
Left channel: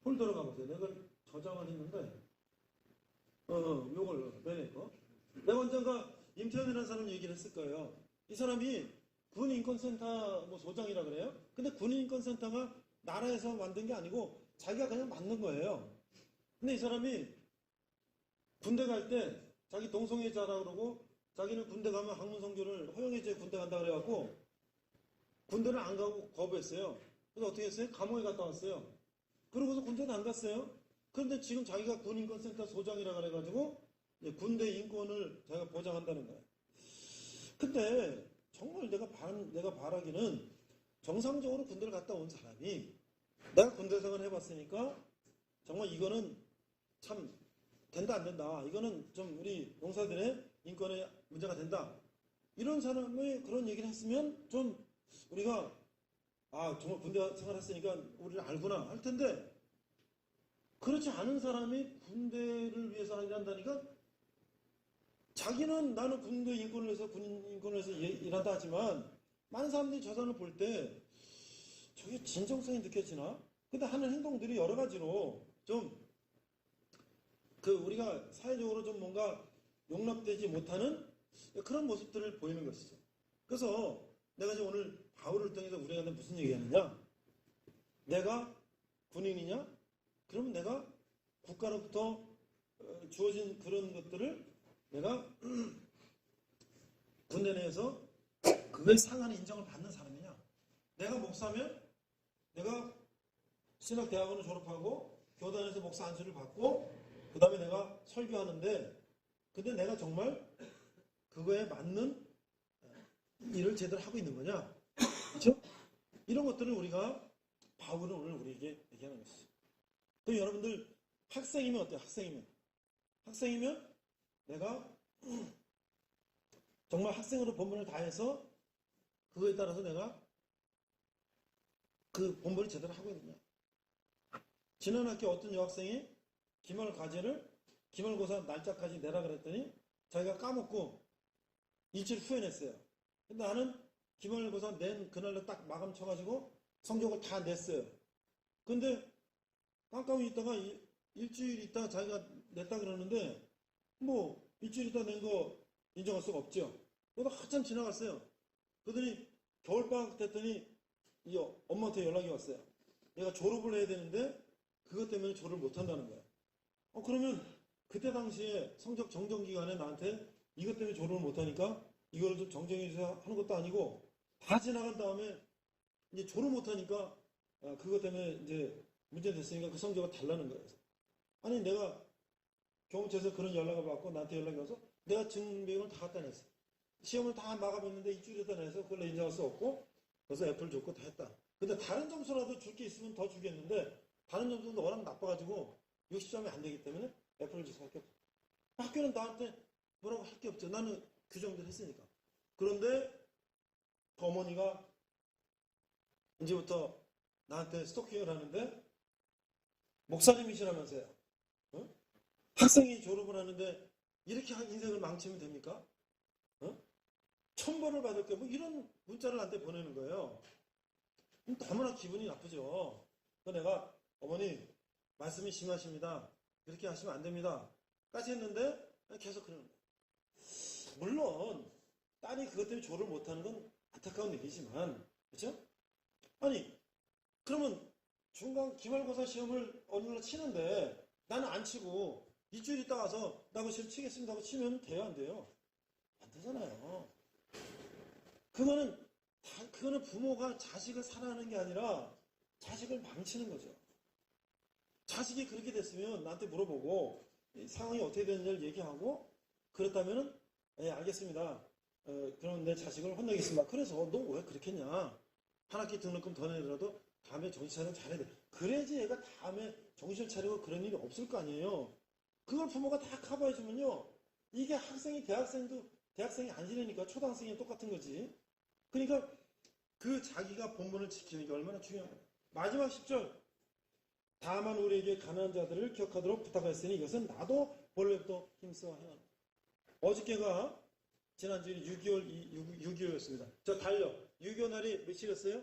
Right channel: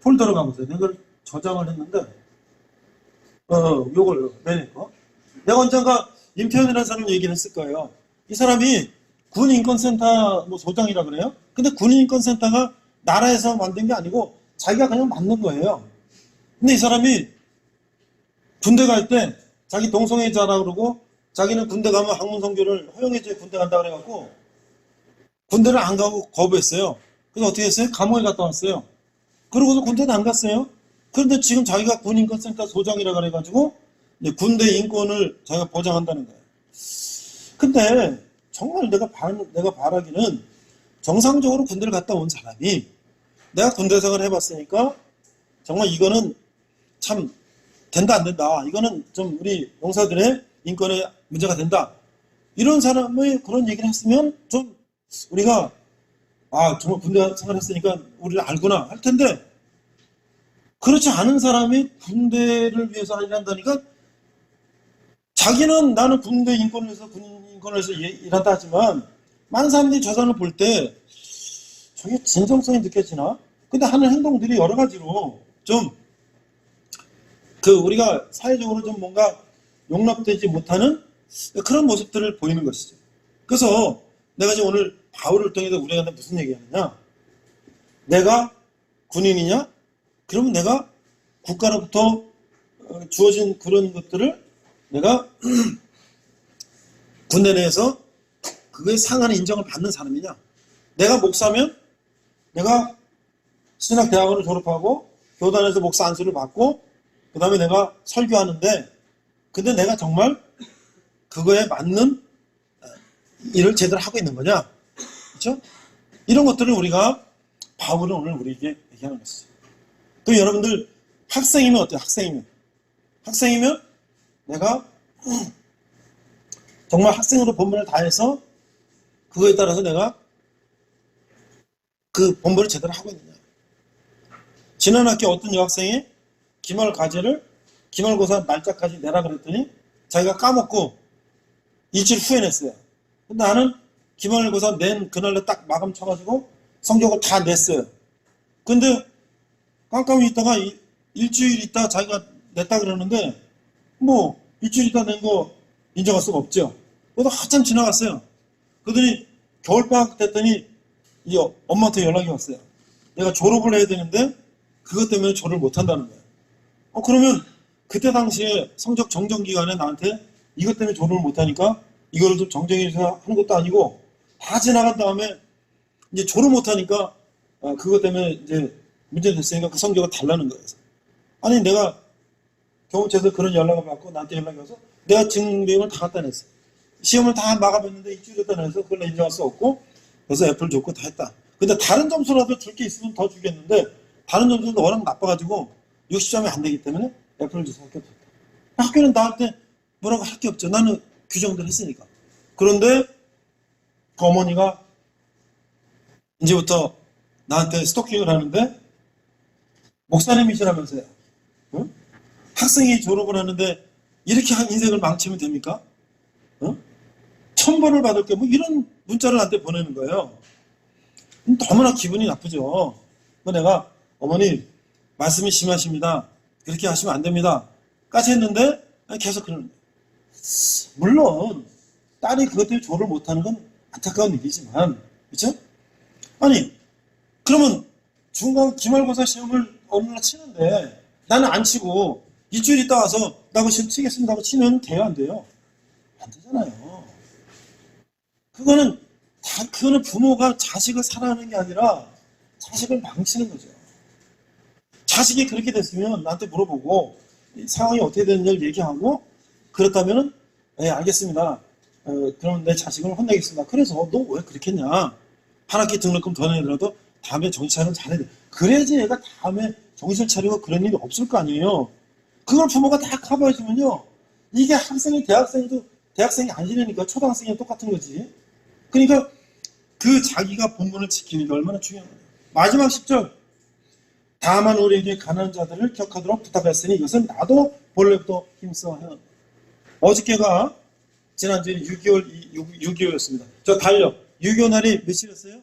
폴더로 가보세요. 내가 저장을 했는데 요걸 맨 위에 거. 내가 언젠가 임태현이라는 사람 얘기를 했을 거예요. 이 사람이 군인권센터 뭐 소장이라 그래요. 근데 군인권센터가 나라에서 만든 게 아니고 자기가 그냥 만든 거예요. 근데 이 사람이 군대 갈 때 자기 동성애자라 그러고 자기는 군대 가면 학문 선교를 허용해줘야 군대 간다 그래갖고 군대를 안 가고 거부했어요. 그래서 어떻게 했어요? 감옥에 갔다 왔어요. 그러고서 군대도 안 갔어요. 그런데 지금 자기가 군인권센터 소장이라 그래가지고 군대 인권을 자기가 보장한다는 거예요. 근데 정말 내가 바라기는 정상적으로 군대를 갔다 온 사람이 내가 군대 생활을 해봤으니까 정말 이거는 참 된다 안 된다. 이거는 좀 우리 용사들의 인권에 문제가 된다. 이런 사람의 그런 얘기를 했으면 좀 우리가 정말 군대 생활을 했으니까 우리를 알구나 할 텐데 그렇지 않은 사람이 군대를 위해서 일한다니까 자기는 나는 군대 인권을 위해서 군 인권을 위해서 일한다 하지만 많은 사람들이 저 사람을 볼 때 저게 진정성이 느껴지나? 근데 하는 행동들이 여러 가지로 좀 우리가 사회적으로 좀 뭔가 용납되지 못하는 그런 모습들을 보이는 것이죠. 그래서 내가 지금 오늘 바울을 통해서 우리한테 무슨 얘기하느냐? 내가 군인이냐? 그러면 내가 국가로부터 주어진 그런 것들을 내가 군대 내에서 그거에 상하는 인정을 받는 사람이냐? 내가 목사면 내가 신학대학원을 졸업하고 교단에서 목사 안수를 받고 그 다음에 내가 설교하는데 근데 내가 정말 그거에 맞는 일을 제대로 하고 있는 거냐? 그렇죠? 이런 것들을 우리가 바울은 오늘 우리에게 얘기하는 것이죠. 또 여러분들 학생이면 어때요? 학생이면 내가 정말 학생으로 본분을 다해서 그거에 따라서 내가 그 본분을 제대로 하고 있느냐. 지난 학기 어떤 여학생이 기말 과제를 기말고사 날짜까지 내라 그랬더니 자기가 까먹고 일주일 후에 냈어요. 근데 나는 기말고사 낸 그날로 딱 마감 쳐가지고 성적을 다 냈어요. 근데 깜깜이 있다가 일주일 있다 자기가 냈다 그러는데 뭐 일주일 있다 낸 거 인정할 수가 없죠. 그래도 한참 지나갔어요. 그러더니 겨울방학 됐더니 이 엄마한테 연락이 왔어요. 내가 졸업을 해야 되는데 그것 때문에 졸업을 못한다는 거예요. 그러면 그때 당시에 성적 정정 기간에 나한테 이것 때문에 졸업을 못하니까 이거를 좀 정정해서 하는 것도 아니고 다 지나간 다음에 이제 졸업 못하니까 그것 때문에 이제 문제 됐으니까 그 성적을 달라는 거예요. 아니 내가 교무처에서 그런 연락을 받고 나한테 연락이 와서 내가 증빙을 다 갖다 냈어. 시험을 다 마감했는데 일주일 갖다 내서 그걸 인정할 수 없고 그래서 애플 줬고 다 했다. 근데 다른 점수라도 줄 게 있으면 더 주겠는데 다른 점수도 워낙 나빠가지고 60점이 안 되기 때문에 애플을 줘서 학교 줬다. 학교는 나한테 뭐라고 할 게 없죠. 나는 규정대로 했으니까. 그런데 그 어머니가 이제부터 나한테 스토킹을 하는데 목사님이시라면서요. 응? 학생이 졸업을 하는데 이렇게 인생을 망치면 됩니까? 응? 천벌을 받을 게 뭐 이런 문자를 나한테 보내는 거예요. 너무나 기분이 나쁘죠. 내가 어머니 말씀이 심하십니다. 그렇게 하시면 안 됩니다. 까지 했는데 계속 그러는 거예요. 물론 딸이 그것 때문에 졸업을 못하는 건 안타까운 일이지만 그렇죠? 아니 그러면 중간 기말고사 시험을 어느 날 치는데 나는 안 치고 일주일 있다 와서 나 그 시험 치겠습니다 하고 치면 돼요 안 돼요? 안 되잖아요. 그거는 부모가 자식을 사랑하는 게 아니라 자식을 망치는 거죠. 자식이 그렇게 됐으면 나한테 물어보고 상황이 어떻게 되는지를 얘기하고 그렇다면은 네, 알겠습니다. 그럼 내 자식을 혼내겠습니다. 그래서 너 왜 그렇게 했냐? 한 학기 등록금 더 내더라도 다음에 정신 차리면 잘해야 돼. 그래야지 얘가 다음에 정신 차리고 그런 일이 없을 거 아니에요. 그걸 부모가 다 커버해주면요. 이게 학생이 대학생도 대학생이 아니라니까 초등학생이랑 똑같은 거지. 그러니까 그 자기가 본분을 지키는 게 얼마나 중요한 거예요. 마지막 10절. 다만 우리에게 가난한 자들을 기억하도록 부탁했으니 이것은 나도 본래부터 힘써 해. 어저께가 지난주에 6.25였습니다. 저 달력. 6.25 날이 며칠이었어요?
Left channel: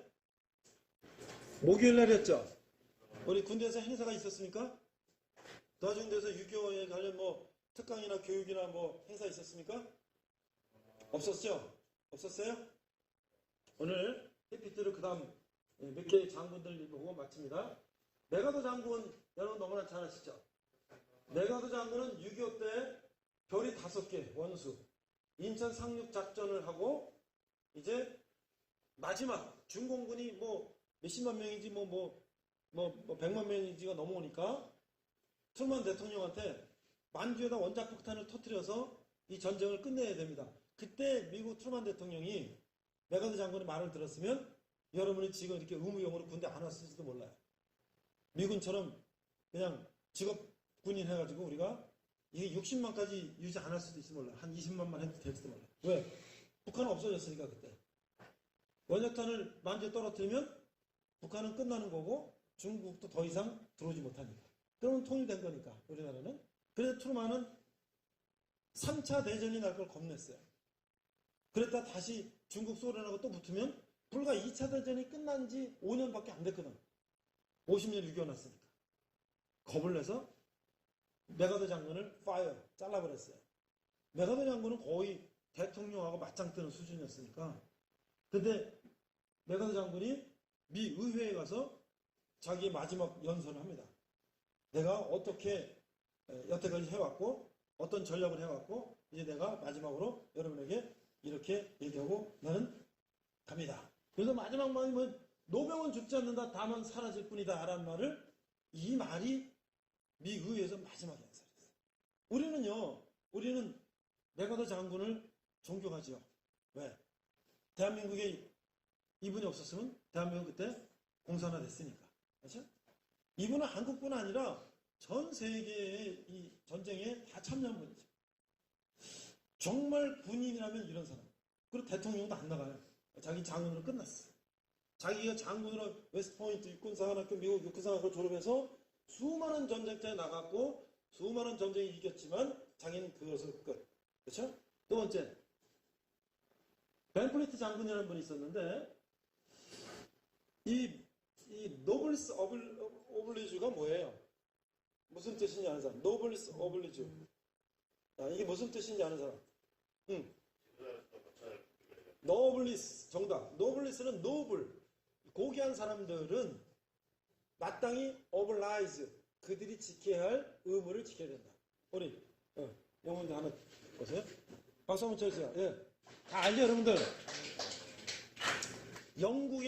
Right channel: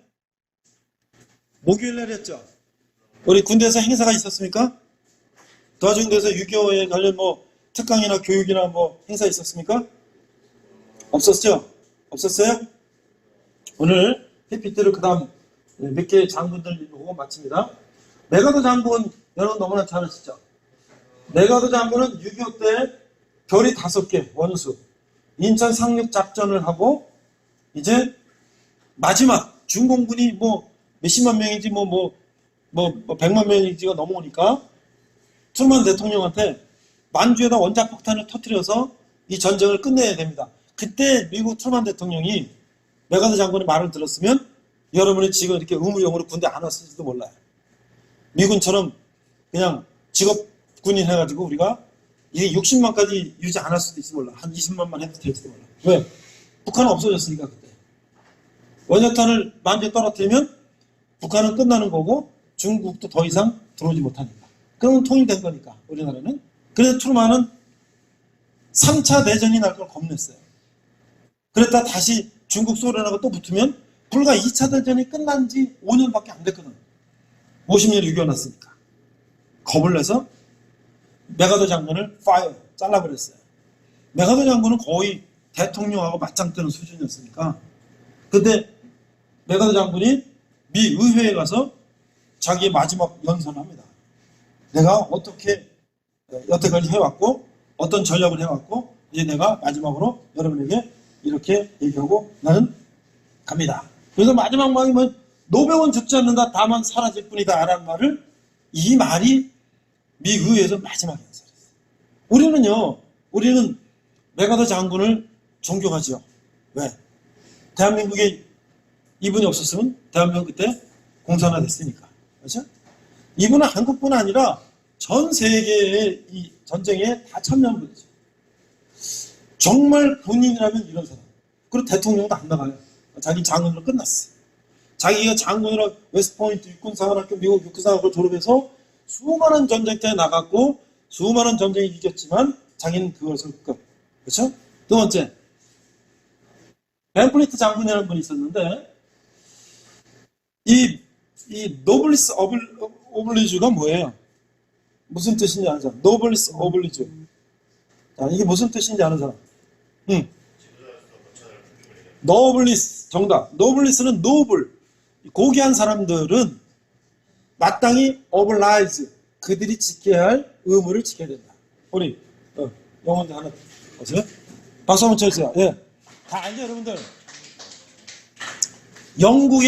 목요일 날이었죠. 우리 군대에서 행사가 있었습니까? 도와준 데서 6.25에 관련 뭐 특강이나 교육이나 뭐 행사 있었습니까? 없었죠? 없었어요? 오늘 PPT를 그 다음 몇 개의 장군들 보고 마칩니다. 메가더 장군 여러분 너무나 잘 아시죠? 메가더 장군은 6.25 때 별이 5개 원수 인천 상륙 작전을 하고 이제 마지막 중공군이 뭐 몇십만 명인지 뭐 100만 명인지가 넘어오니까 트루먼 대통령한테 만주에다 원자폭탄을 터뜨려서 이 전쟁을 끝내야 됩니다. 그때 미국 트루먼 대통령이 메가더 장군의 말을 들었으면 여러분이 지금 이렇게 의무용으로 군대 안 왔을지도 몰라요. 미군처럼 그냥 직업군인 해가지고 우리가 이게 60만까지 유지 안 할 수도 있을지 몰라. 한 20만만 해도 될지도 몰라. 왜? 북한은 없어졌으니까 그때. 원자탄을 만주에 떨어뜨리면 북한은 끝나는 거고 중국도 더 이상 들어오지 못하니까. 그러면 통일된 거니까 우리나라는. 그래서 트루먼은 3차 대전이 날 걸 겁냈어요. 그랬다 다시 중국 소련하고 또 붙으면 불과 2차 대전이 끝난 지 5년밖에 안 됐거든. 50년 6.25 났으니까. 겁을 내서 메가더 장군을 잘라버렸어요. 메가더 장군은 거의 대통령하고 맞짱 뜨는 수준이었으니까. 근데 메가더 장군이 미 의회에 가서 자기의 마지막 연설을 합니다. 내가 어떻게 여태까지 해왔고 어떤 전략을 해왔고 이제 내가 마지막으로 여러분에게 이렇게 얘기하고 나는 갑니다. 그래서 마지막 말이 뭐 노병은 죽지 않는다 다만 사라질 뿐이다 라는 말을 이 말이 미 의회에서 마지막 연설이었어요. 우리는 메가더 장군을 존경하죠. 왜? 대한민국에 이분이 없었으면 대한민국 그때 공산화됐으니까. 그렇죠? 이분은 한국뿐 아니라 전 세계의 이 전쟁에 다 참여한 분이죠. 정말 본인이라면 이런 사람. 그리고 대통령도 안 나가요. 자기 장군으로 끝났어요. 자기가 장군으로 웨스트포인트 육군사관학교 미국 육군사관학교 졸업해서 수많은 전쟁터에 나갔고 수많은 전쟁이 이겼지만 자기는 그것을 끝. 그렇죠? 두 번째, 벤플리트 장군이라는 분이 있었는데 이 노블리스 오블리주가 뭐예요? 무슨 뜻인지 아는 사람? 노블리스 오블리주. 자, 이게 무슨 뜻인지 아는 사람? 노블리스 정답. 노블리스는 노블, 고귀한 사람들은 마땅히 오블라이즈, 그들이 지켜야 할 의무를 지켜야 된다. 우리 영어인데 하나 보세요. 박수 한번 쳐주세요. 예, 다 알죠 여러분들? 영국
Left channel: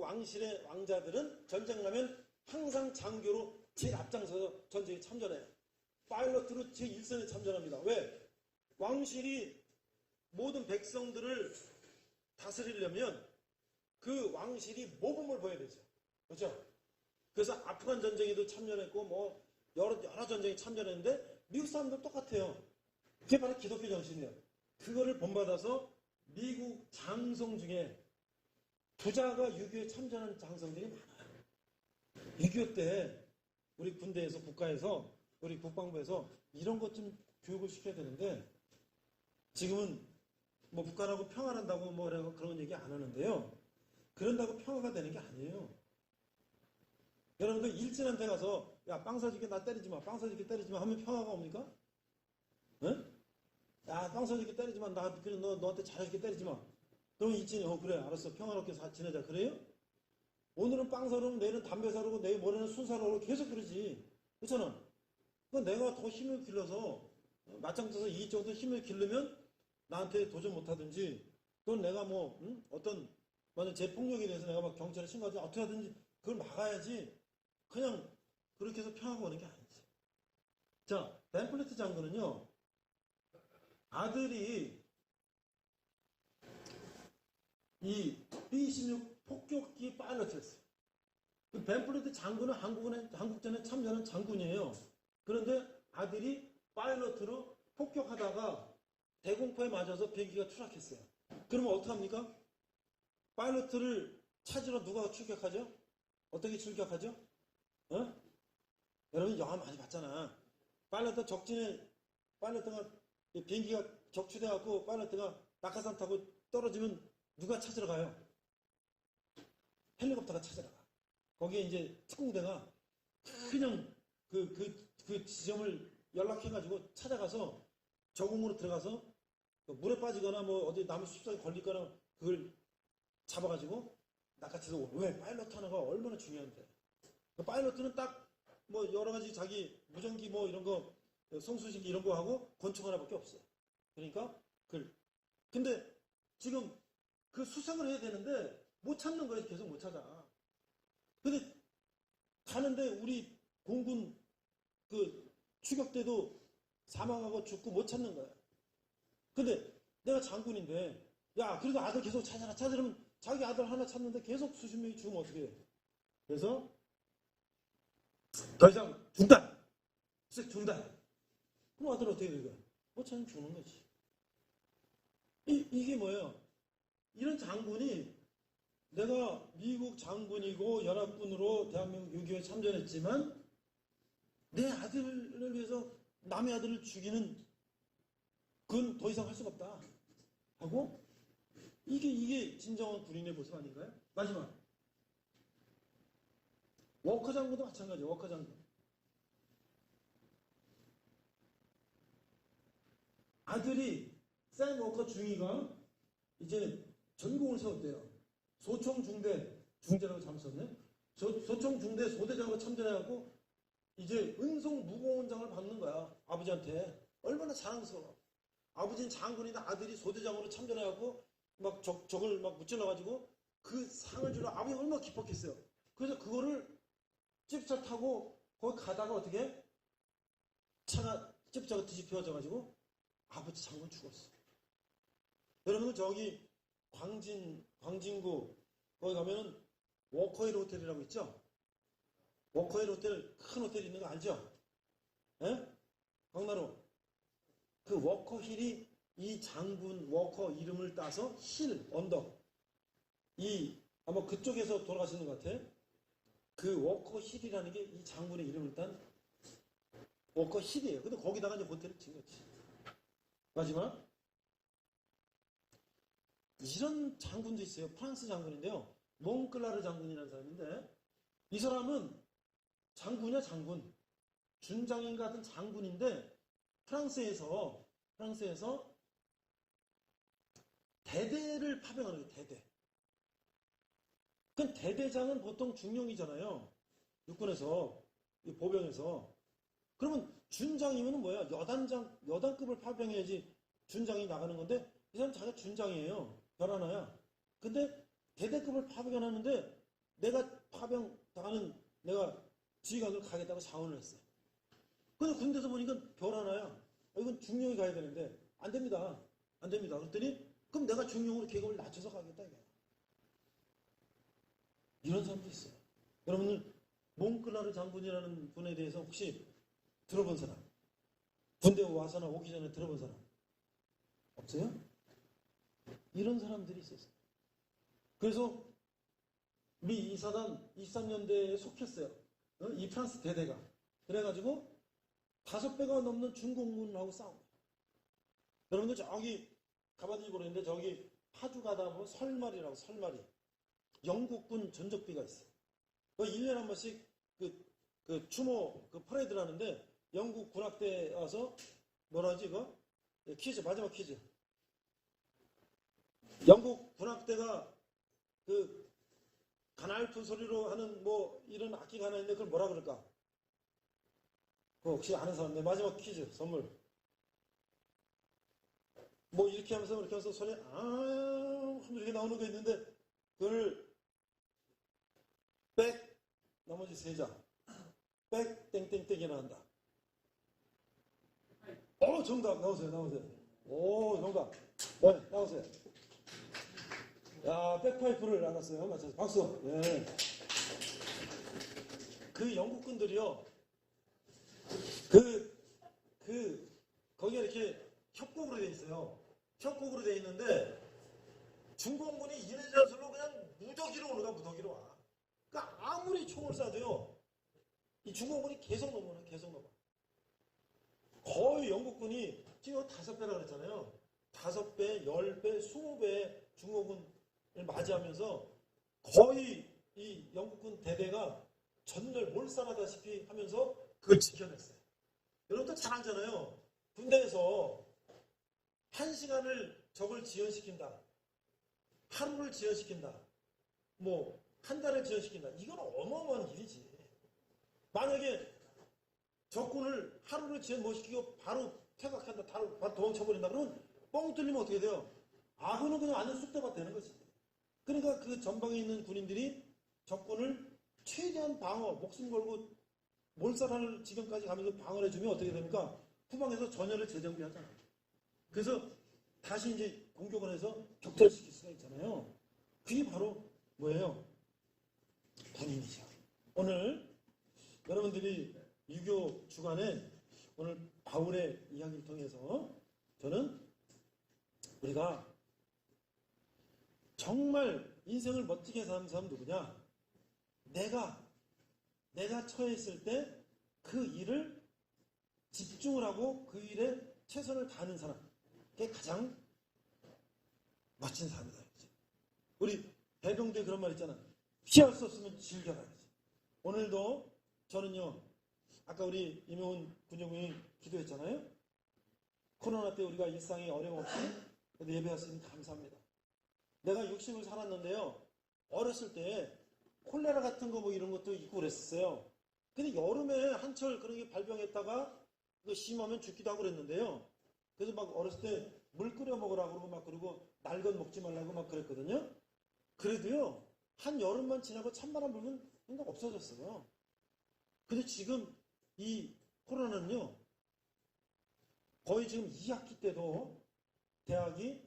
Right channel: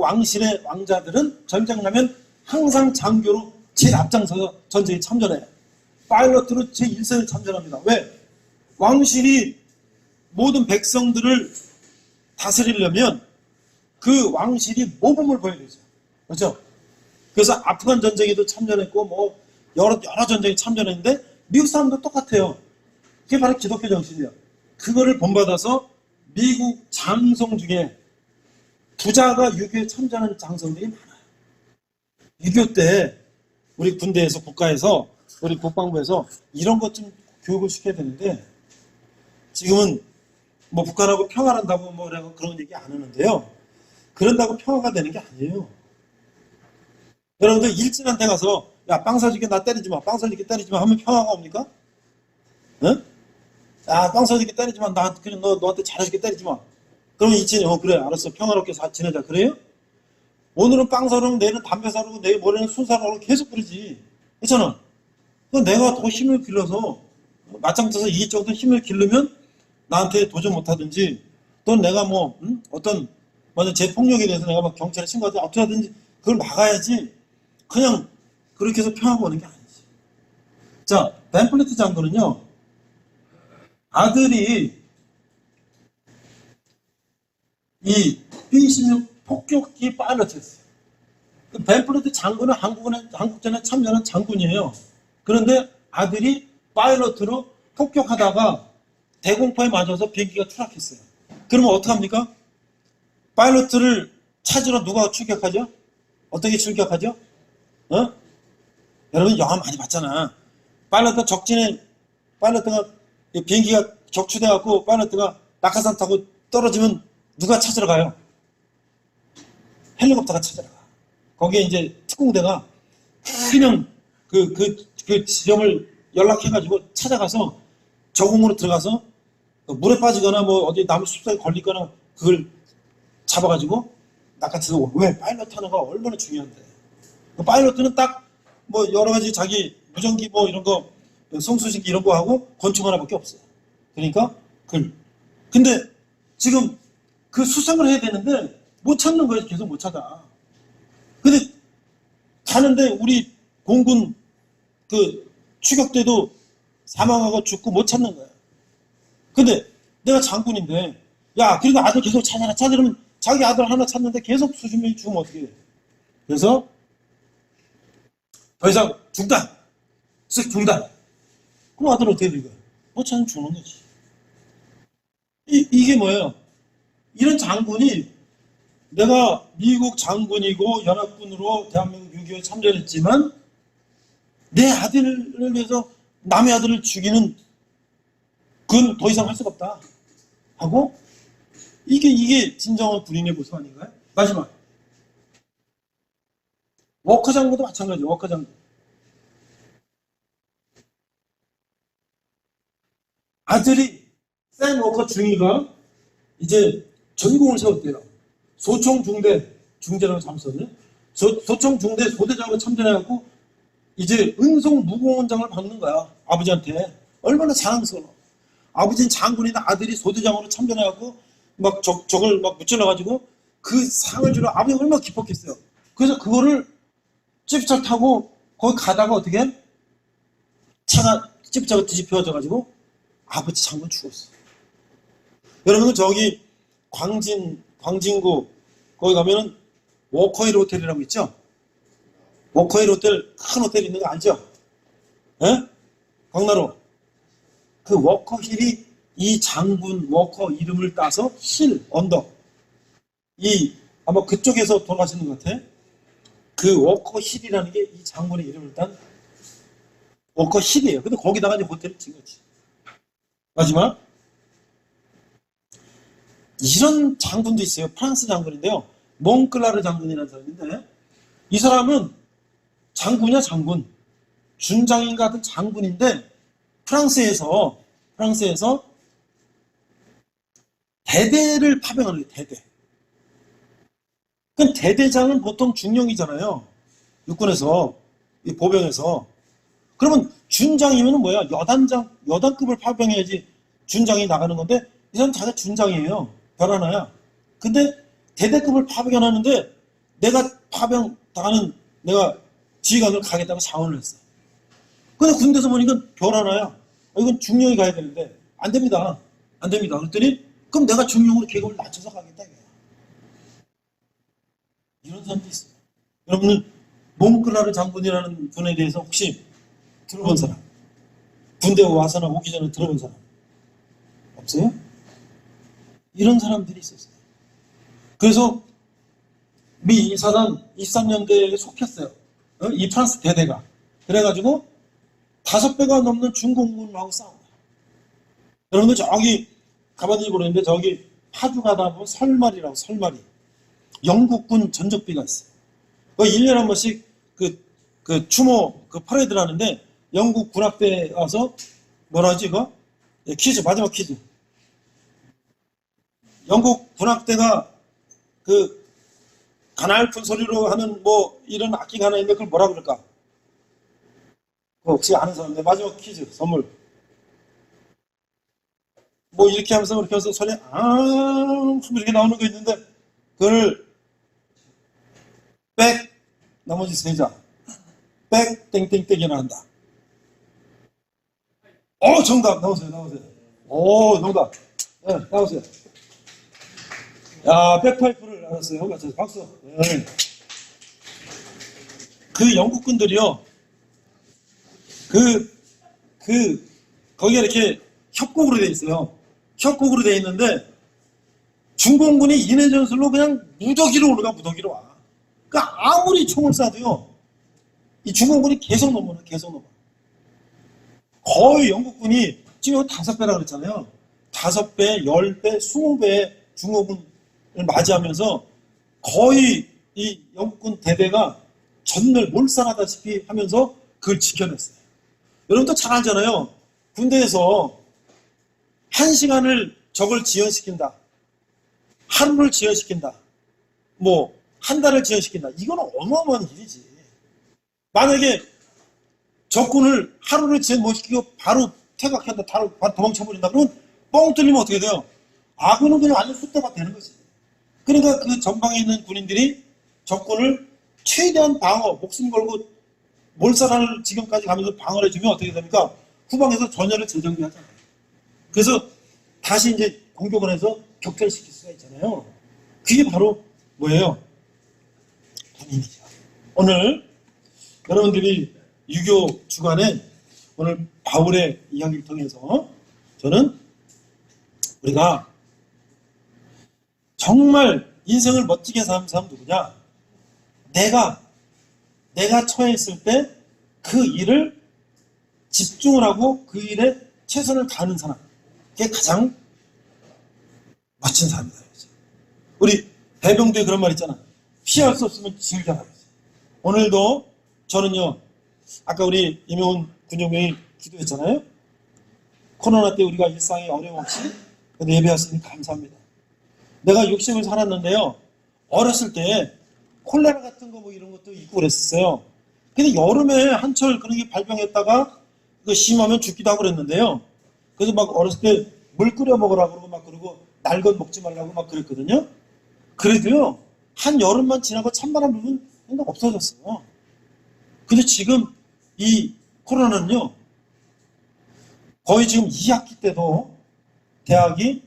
왕실의 왕자들은 전쟁 나면 항상 장교로 제일 앞장서서 전쟁에 참전해요. 파일럿으로 제1선에 참전합니다. 왜? 왕실이 모든 백성들을 다스리려면 그 왕실이 모범을 보여야 되죠. 그렇죠? 그래서 아프간 전쟁에도 참전했고 뭐 여러 전쟁에 참전했는데 미국 사람도 똑같아요. 그게 바로 기독교 정신이에요. 그거를 본받아서 미국 장성 중에 부자가 6.25에 참전하는 장성들이 많아요. 6.25 때 우리 군대에서 국가에서 우리 국방부에서 이런 것 좀 교육을 시켜야 되는데 지금은 뭐 북한하고 평화한다고 뭐 그런 얘기 안 하는데요. 그런다고 평화가 되는 게 아니에요. 여러분들 일진한 데 가서 야 빵 사줄게 나 때리지 마, 빵 사줄게 때리지 마 하면 평화가 옵니까? 응? 야 빵 사줄게 때리지 마, 너한테 잘해줄게 때리지 마. 그러면 일진이 그래 알았어 평화롭게 지내자 그래요? 오늘은 빵 사려고 내일은 담배 사려고 내일 모레는 술 사려고 계속 그러지. 그렇잖아. 내가 더 힘을 길러서 맞짱 떠서 이쪽도 힘을 기르면 나한테 도전 못하든지 또 내가 뭐 어떤 제 폭력에 대해서 내가 막 경찰에 신고하든지 어떻게 하든지 그걸 막아야지. 그냥 그렇게 해서 평화가 오는 게 아니지. 자, 벤플리트 장군은요 아들이 이 B-26 폭격기 파일럿이었어요. 벤플리트 장군은 한국전에 참전한 장군이에요. 그런데 아들이 파일럿으로 폭격하다가 대공포에 맞아서 비행기가 추락했어요. 그러면 어떡합니까? 파일럿을 찾으러 누가 출격하죠? 어떻게 출격하죠? 여러분 영화 많이 봤잖아. 파일럿가 비행기가 격추돼갖고 파일럿가 낙하산 타고 떨어지면 누가 찾으러 가요? 헬리콥터가 찾으러 가. 거기에 이제 특공대가 그냥 그 지점을 연락해가지고 찾아가서 저공으로 들어가서 물에 빠지거나 뭐 어디 나무 숲사에 걸리거나 그걸 잡아가지고 낚아채서 왜 파일럿 하나가 얼마나 중요한데. 그 파일럿은 딱 뭐 여러 가지 자기 무전기 뭐 이런 거 송수신기 이런 거 하고 권총 하나밖에 없어요. 그러니까 근데 지금 그 수상을 해야 되는데 못 찾는 거예요. 계속 못 찾아. 근데 가는데 우리 공군 그 추격대도 사망하고 죽고 못 찾는 거예요. 근데 내가 장군인데 야 그래도 아들 계속 찾으면 자기 아들 하나 찾는데 계속 수십 명이 죽으면 어떻게 해. 그래서 더 이상 중단 그럼 아들 어떻게 된 거야? 못 찾으면 죽는 거지. 이게 뭐예요? 이런 장군이 내가 미국 장군이고 연합군으로 대한민국 6.25에 참전했지만 내 아들을 위해서 남의 아들을 죽이는 그건 더 이상 할 수가 없다 하고 이게 진정한 군인의 모습 아닌가요? 마지막 워커 장군도 마찬가지예요. 워커 장군 아들이 샘 워커 중위가 이제 전공을 세웠대요. 소총 중대라고 잘못 썼네. 소총 중대 소대장으로 참전해갖고 이제 은송 무공원장을 받는 거야. 아버지한테. 얼마나 자랑스러워. 아버지는 장군이나 아들이 소대장으로 참전해갖고 막 적을 막 무찔러가지고 그 상을 주러 아버지가 얼마나 기뻤겠어요. 그래서 그거를 찝짤 타고 거기 가다가 어떻게 해? 차가 찝짤 뒤집혀져가지고 아버지 장군 죽었어. 여러분은 저기 광진구 거기 가면은 워커힐 호텔이라고 있죠? 워커힐 호텔 큰 호텔 있는 거 알죠? 예? 광나루. 그 워커힐이 이 장군 워커 이름을 따서 힐 언덕 아마 그쪽에서 돌아가시는 것 같아. 그 워커 힐이라는 게 이 장군의 이름을 일단 워커 힐이에요. 근데 거기다가 이제 호텔을 지은 거지. 마지막 이런 장군도 있어요. 프랑스 장군인데요. 몽클라르 장군이라는 사람인데 이 사람은 장군이야 장군. 준장인 같은 장군인데 프랑스에서 대대를 파병하는 거예요. 대대. 그럼 대대장은 보통 중령이잖아요. 육군에서 이 보병에서. 그러면 준장이면 뭐야? 여단급을 파병해야지 준장이 나가는 건데 이 사람 자기가 준장이에요. 별 하나야. 근데 대대급을 파병하는데 내가 파병 당하는 내가 지휘관을 가겠다고 자원을 했어요. 근데 군대에서 보니까 별 하나야. 이건 중령이 가야 되는데 안 됩니다. 안 됩니다. 그랬더니 그럼 내가 중령으로 계급을 낮춰서 가겠다. 이런 사람도 있어요. 여러분은 몽클라르 장군이라는 분에 대해서 혹시 들어본 사람? 군대 와서나 오기 전에 들어본 사람? 없어요? 이런 사람들이 있었어요. 그래서 미 사단 23년대에 속혔어요. 이 프랑스 대대가. 그래가지고 5배가 넘는 중공군하고 싸운 거예요. 여러분들 저기 가봤는지 모르겠는데 저기 파주 가다 보면 설마리라고 설마리. 영국군 전적비가 있어요. 1년에 한 번씩 그 추모 그 퍼레이드를 하는데 영국 군악대 와서 뭐라 하지 이거? 퀴즈 마지막 퀴즈. 영국 군악대가 그 가냘픈 소리로 하는 뭐 이런 악기가 하나 있는데 그걸 뭐라 그럴까? 혹시 아는 사람인데 마지막 퀴즈 선물. 뭐 이렇게 하면서 그렇게 해서 소리 이렇게 나오는 거 있는데 그걸 백 나머지 3자 백 땡땡땡이나 한다. 정답 나오세요. 정답. 네, 나오세요. 야, 백파이프를 알았어요. 맞아요. 박수. 네. 그 영국군들이요. 거기가 이렇게 협곡으로 돼 있어요. 협곡으로 돼 있는데 중공군이 인해 전술로 그냥 무더기로 올라가 무더기로 와. 그러니까 아무리 총을 쏴도요. 이 중공군이 계속 넘어요. 계속 넘어. 거의 영국군이 지금 5배라고 그랬잖아요. 5배, 10배, 20배의 중공군을 맞이하면서 거의 이 영국군 대대가 전멸 몰살하다시피 하면서 그걸 지켜냈어요. 여러분도 잘 알잖아요. 군대에서 1시간을 적을 지연시킨다. 하루를 지연시킨다. 뭐 한 달을 지연시킨다. 이건 어마어마한 일이지. 만약에 적군을 하루를 지연 못 시키고 바로 퇴각한다. 바로 도망쳐버린다. 그러면 뻥 뚫리면 어떻게 돼요? 아군은 그냥 완전 숫대가 되는 거지. 그러니까 그 전방에 있는 군인들이 적군을 최대한 방어, 목숨 걸고 몰살하는 지경까지 가면서 방어를 해주면 어떻게 됩니까? 후방에서 전열을 재정비하잖아요. 그래서 다시 이제 공격을 해서 격퇴시킬 수가 있잖아요. 그게 바로 뭐예요? 군인이죠. 오늘 여러분들이 유교 주간에 오늘 바울의 이야기를 통해서 저는 우리가 정말 인생을 멋지게 사는 사람 누구냐? 내가 처해있을 때 그 일을 집중을 하고 그 일에 최선을 다하는 사람. 그게 가장 멋진 사람이다. 우리 배병두에 그런 말 있잖아. 피할 수 없으면 즐겨라. 오늘도 저는요. 아까 우리 임용훈 군종병이 기도했잖아요. 코로나 때 우리가 일상에 어려움 없이 예배하시니 감사합니다. 내가 60을 살았는데요. 어렸을 때 콜레라 같은 거 뭐 이런 것도 있고 그랬었어요. 근데 여름에 한철 그런 게 발병했다가 그 심하면 죽기도 하고 그랬는데요. 그래서 막 어렸을 때 물 끓여 먹으라고 그러고 막 그러고 날 것 먹지 말라고 막 그랬거든요. 그래도요. 한 여름만 지나고 찬바람 불면 생각 없어졌어요. 근데 지금 이 코로나는요. 거의 지금 2학기 때도 대학이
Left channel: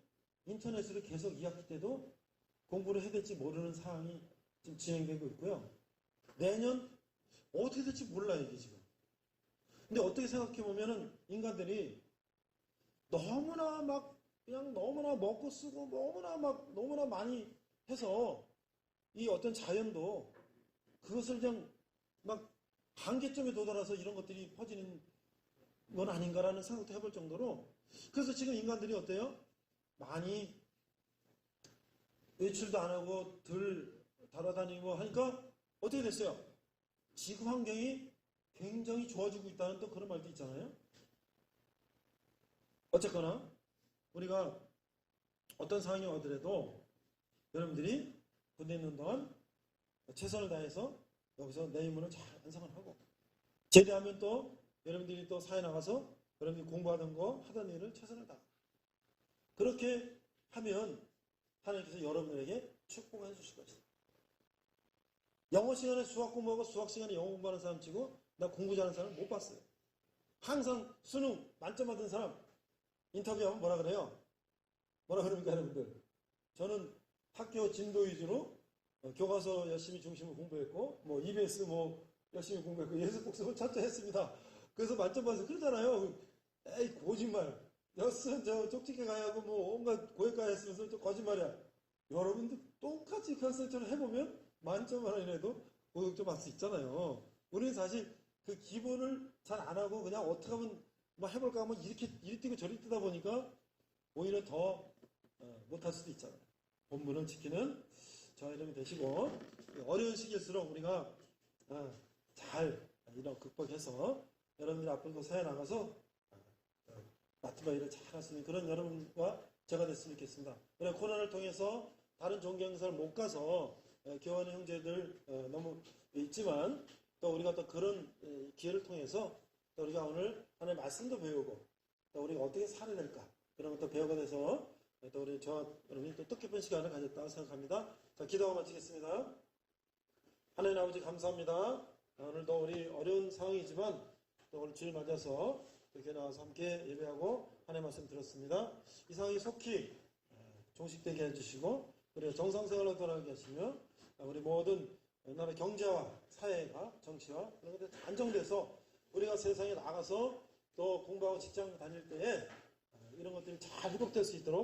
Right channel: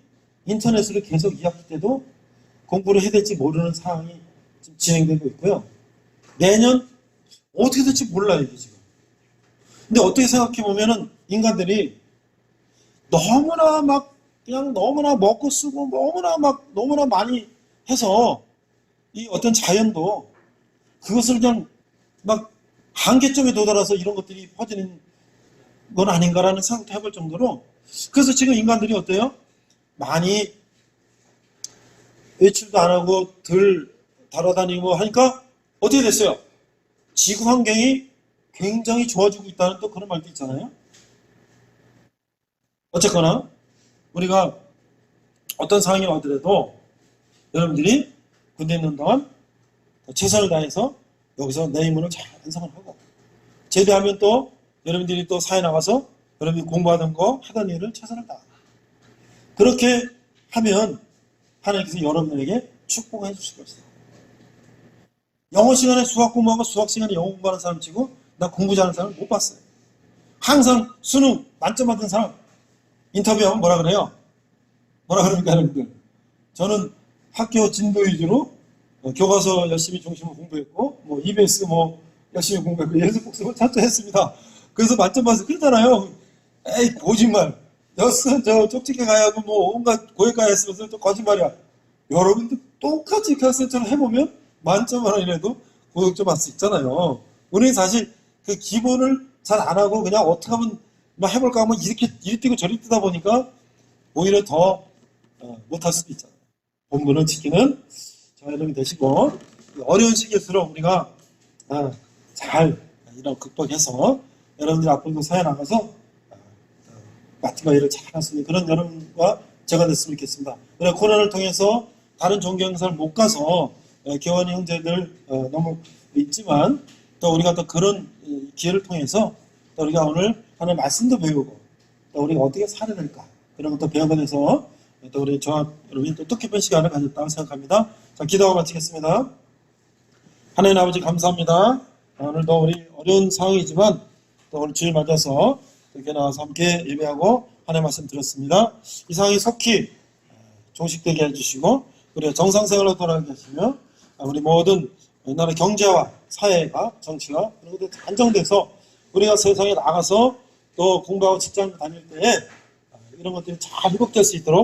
인터넷으로 계속 2학기 때도 공부를 해야 될지 모르는 상황이 지금 진행되고 있고요. 내년 어떻게 될지 몰라요, 이게 지금. 근데 어떻게 생각해 보면은 인간들이 너무나 막 그냥 너무나 먹고 쓰고 너무나 많이 해서 이 어떤 자연도 그것을 그냥 막 한계점에 도달해서 이런 것들이 퍼지는 건 아닌가라는 생각도 해볼 정도로, 그래서 지금 인간들이 어때요? 많이 외출도 안 하고 덜 달아다니고 하니까 어떻게 됐어요? 지구 환경이 굉장히 좋아지고 있다는 또 그런 말도 있잖아요. 어쨌거나 우리가 어떤 상황이 와더라도 여러분들이 군대 있는 동안 최선을 다해서 여기서 내 임무를 잘 완성을 하고, 제대하면 또 여러분들이 또 사회 나가서 여러분들이 공부하던 거 하던 일을 최선을 다. 그렇게 하면 하나님께서 여러분들에게 축복해 주실 것이다. 영어 시간에 수학 공부하고 수학 시간에 영어 공부하는 사람 치고 나 공부 잘하는 사람 못 봤어요. 항상 수능 만점 받은 사람 인터뷰하면 뭐라 그래요? 뭐라 그럽니까 여러분들? 저는 학교 진도 위주로 교과서 열심히 중심으로 공부했고 뭐 EBS 뭐 열심히 공부했고 예습 복습을 철저했습니다. 그래서 만점 받아서 그러잖아요. 에이 거짓말. 여스 저 쪽집게 가야 하고 뭐 온갖 고액가 했으면서 또 거짓말이야. 여러분들 똑같이 결승처럼 해보면 만점 하나이라도 고득점 받을 수 있잖아요. 우리는 사실 그 기본을 잘 안 하고 그냥 어떻게 하면 막 해볼까 하면 이렇게 이리 뛰고 저리 뛰다 보니까 오히려 더 못할 수도 있잖아요. 본분을 지키는 저와 여러분이 되시고, 어려운 시기일수록 우리가 잘 이런 극복해서 여러분들이 앞으로도 사회 나가서 마티마 일을 잘 할 수 있는 그런 여러분과 제가 됐으면 좋겠습니다. 그래 코로나를 통해서 다른 종교 행사를 못 가서 교원 형제들 너무 있지만 또 우리가 또 그런 기회를 통해서 또 우리가 오늘 하나님 말씀도 배우고 또 우리가 어떻게 살아야 될까 그런 것도 배워가면서 또 우리 저와 여러분이 또 뜻깊은 시간을 가졌다고 생각합니다. 자, 기도하고 마치겠습니다. 하나님 아버지 감사합니다. 오늘도 우리 어려운 상황이지만 또 오늘 주일 맞아서 이렇게 나와서 함께 예배하고 하나님 말씀 들었습니다. 이 상황이 속히 종식되게 해주시고 우리가 정상생활로 돌아가게 하시며 우리 모든 나라 경제와 사회가 정치가 그런 것들이 안정돼서 우리가 세상에 나가서 또 공부하고 직장 다닐 때에 이런 것들이 잘 회복될 수 있도록